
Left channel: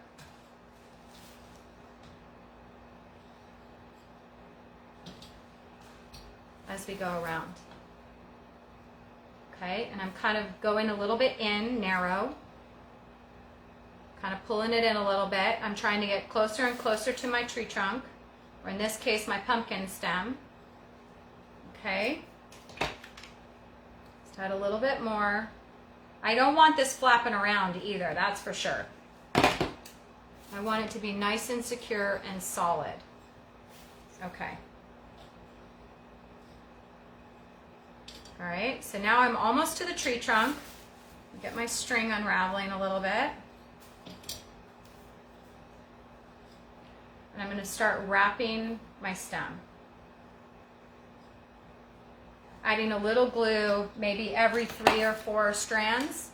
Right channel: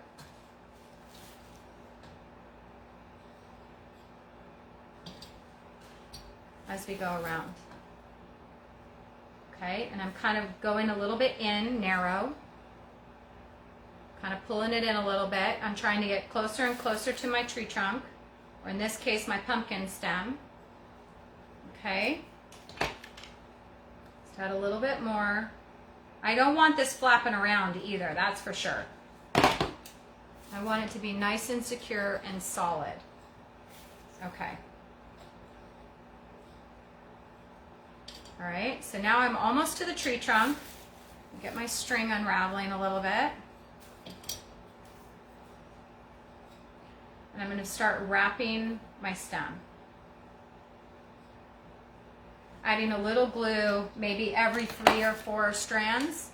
As we go around. Okay, and I'm kind of going a little bit in, narrow. Kind of pulling it in a little bit. I'm trying to get closer and closer to my tree trunk, or in this case, my pumpkin stem. Okay. Let's add a little bit more. I don't want this flapping around either, that's for sure. I want it to be nice and secure and solid. Okay. All right, so now I'm almost to the tree trunk. Get my string unraveling a little bit. And I'm going to start wrapping my stem. Adding a little glue, maybe every 3 or 4 strands,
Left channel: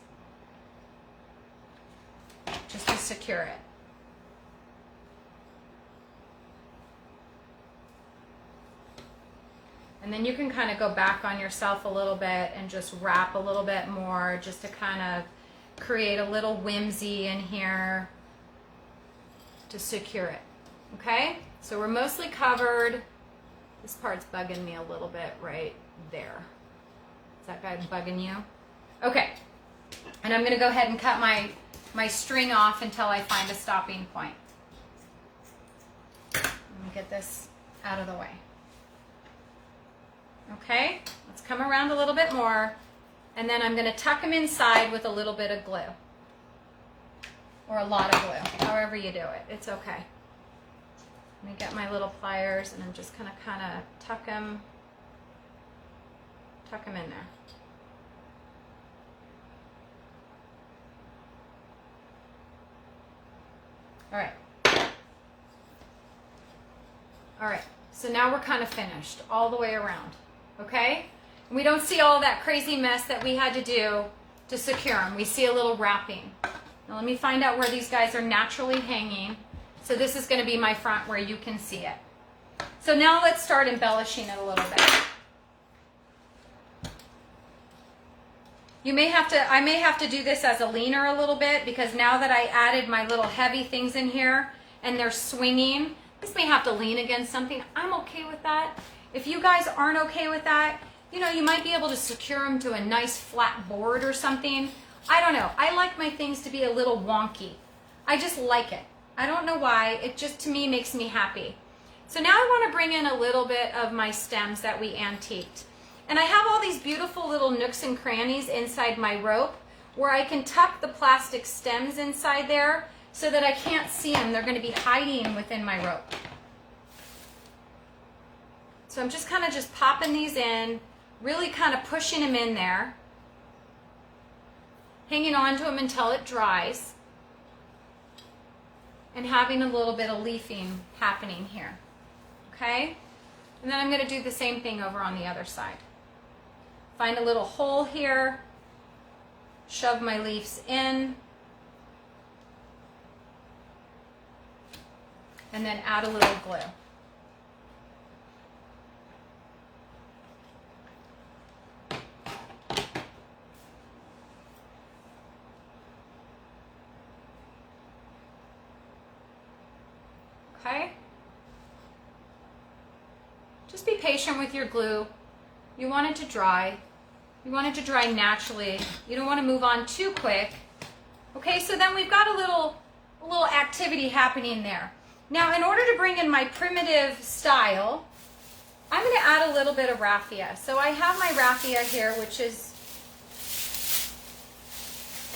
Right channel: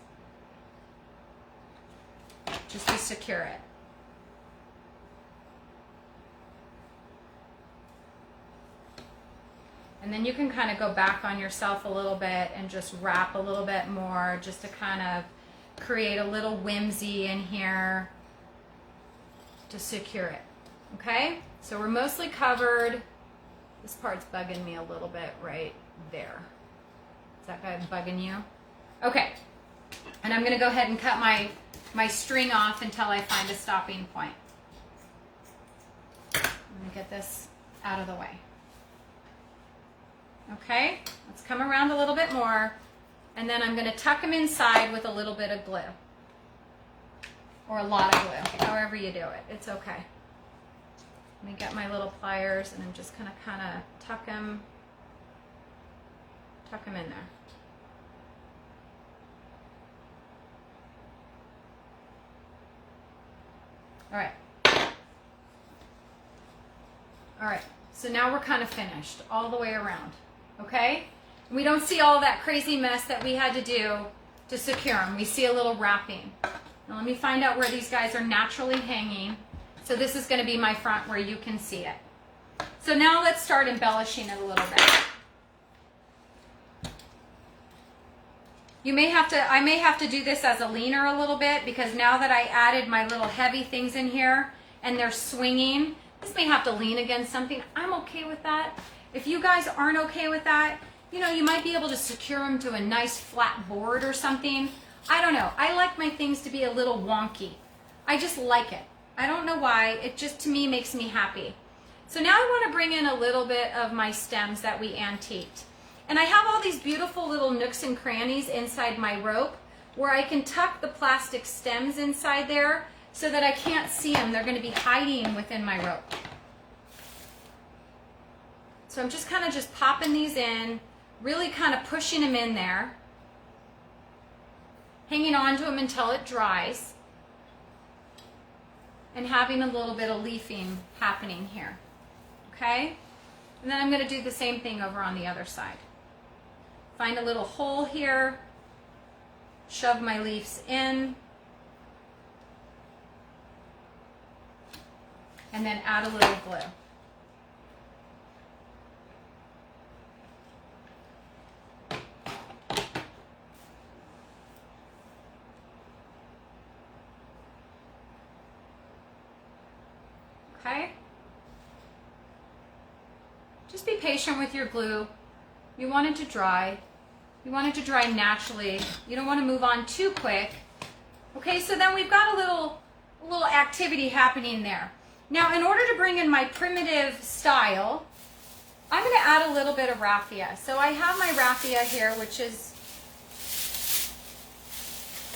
just to secure it. And then you can kind of go back on yourself a little bit and just wrap a little bit more, just to kind of create a little whimsy in here to secure it. Okay, so we're mostly covered. This part's bugging me a little bit right there. Is that guy bugging you? Okay, and I'm going to go ahead and cut my string off until I find a stopping point. Let me get this out of the way. Okay, let's come around a little bit more, and then I'm going to tuck them inside with a little bit of glue, or a lot of glue, however you do it. It's okay. Let me get my little pliers, and I'm just going to kind of tuck them in there. All right. All right, so now we're kind of finished all the way around, okay? We don't see all that crazy mess that we had to do to secure them. We see a little wrapping. Now let me find out where these guys are naturally hanging. So this is going to be my front where you can see it. So now let's start embellishing it a little bit. I may have to do this as a leaner a little bit, because now that I added my little heavy things in here and they're swinging, this may have to lean against something. I'm okay with that. If you guys aren't okay with that, you know, you might be able to secure them to a nice flat board or something. I don't know. I like my things to be a little wonky. I just like it. I don't know why. It just, to me, makes me happy. So now I want to bring in a little bit of my stems that we antiqued. And I have all these beautiful little nooks and crannies inside my rope where I can tuck the plastic stems inside there so that I can't see them. They're going to be hiding within my rope. So I'm just kind of just popping these in, really kind of pushing them in there, hanging on to them until it dries, and having a little bit of leafing happening here. Okay? And then I'm going to do the same thing over on the other side. Find a little hole here, shove my leaves in, and then add a little glue. Okay? Just be patient with your glue. You want it to dry. You want it to dry naturally. You don't want to move on too quick. Okay, so then we've got a little activity happening there. Now, in order to bring in my primitive style, I'm going to add a little bit of raffia. So I have my raffia here, which is,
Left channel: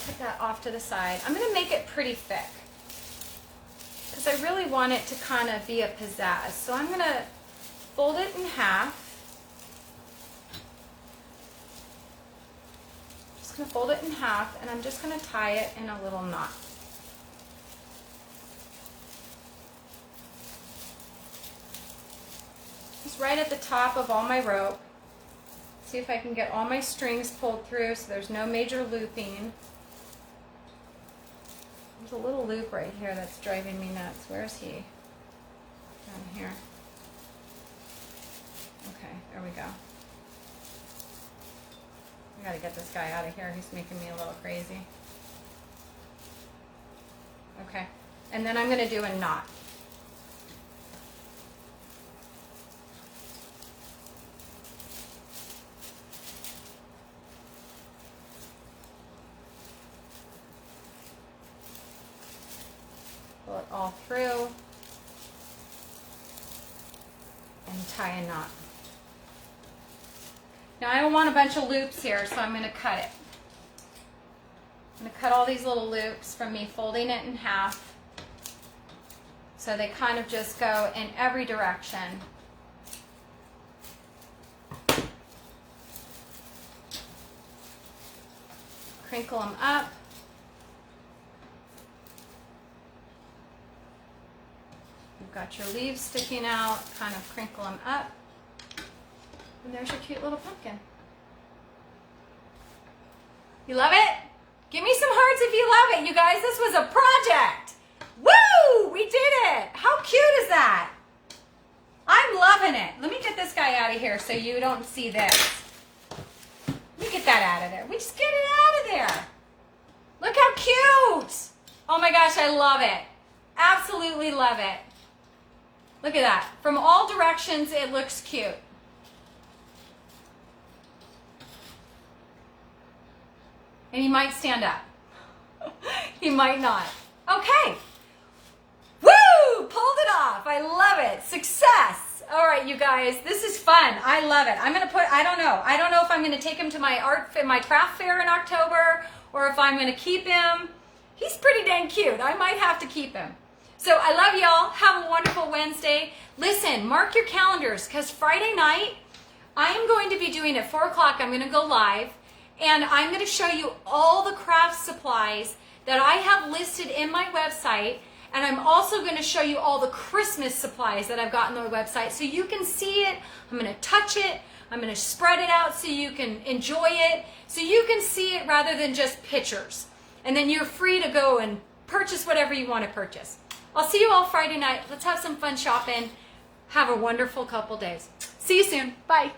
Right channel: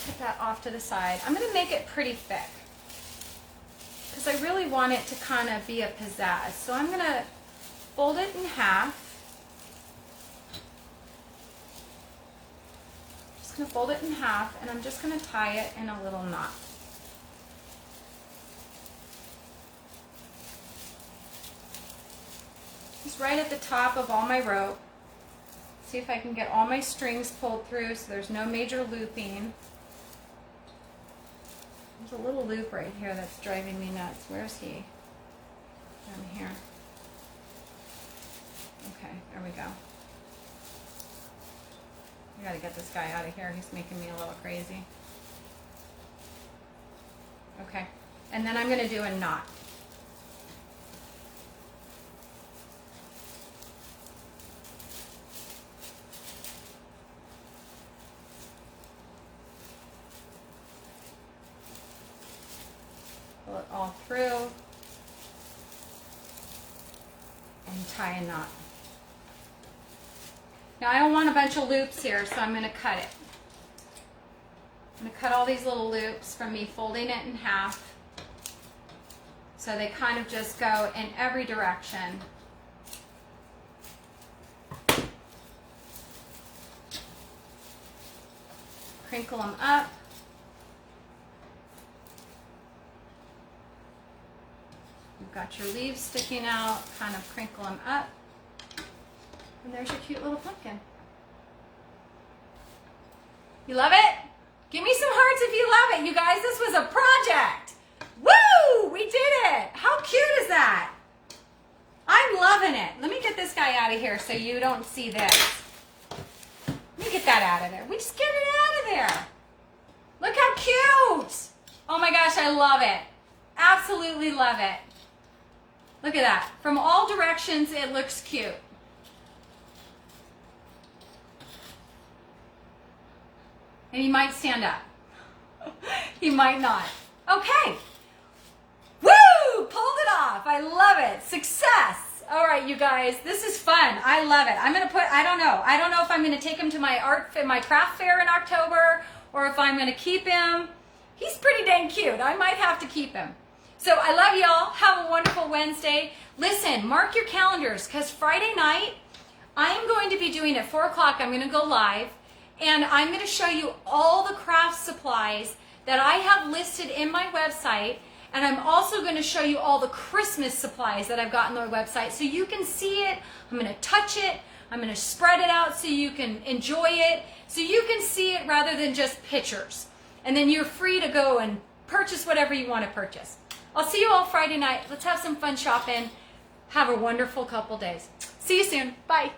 put that off to the side. I'm going to make it pretty thick because I really want it to kind of be a pizzazz. So I'm going to fold it in half. Just going to fold it in half, and I'm just going to tie it in a little knot. Just right at the top of all my rope. See if I can get all my strings pulled through so there's no major looping. There's a little loop right here that's driving me nuts. Where's he? Down here. Okay, there we go. I gotta get this guy out of here. He's making me a little crazy. Okay, and then I'm gonna do a knot. Pull it all through and tie a knot. Now I don't want a bunch of loops here, so I'm going to cut it. I'm going to cut all these little loops from me folding it in half so they kind of just go in every direction. Crinkle them up. You've got your leaves sticking out, kind of crinkle them up. And there's your cute little pumpkin. You love it? Give me some hearts if you love it. You guys, this was a project. Woo! We did it. How cute is that? I'm loving it. Let me get this guy out of here so you don't see this. Let me get that out of there. We just get it out of there. Look how cute. Oh my gosh, I love it. Absolutely love it. Look at that. From all directions, it looks cute. And you might stand up. You might not. Okay. Woo! Pulled it off. I love it. Success. All right, you guys. This is fun. I love it. I'm going to put, I don't know if I'm going to take him to my craft fair in October or if I'm going to keep him. He's pretty dang cute. I might have to keep him. So I love y'all. Have a wonderful Wednesday. Listen, mark your calendars because Friday night, I'm going to be doing at 4 o'clock. I'm going to go live. And I'm going to show you all the craft supplies that I have listed in my website. And I'm also going to show you all the Christmas supplies that I've got on my website so you can see it. I'm going to touch it. I'm going to spread it out so you can enjoy it. So you can see it rather than just pictures. And then you're free to go and purchase whatever you want to purchase. I'll see you all Friday night. Let's have some fun shopping. Have a wonderful couple days. See you soon. Bye.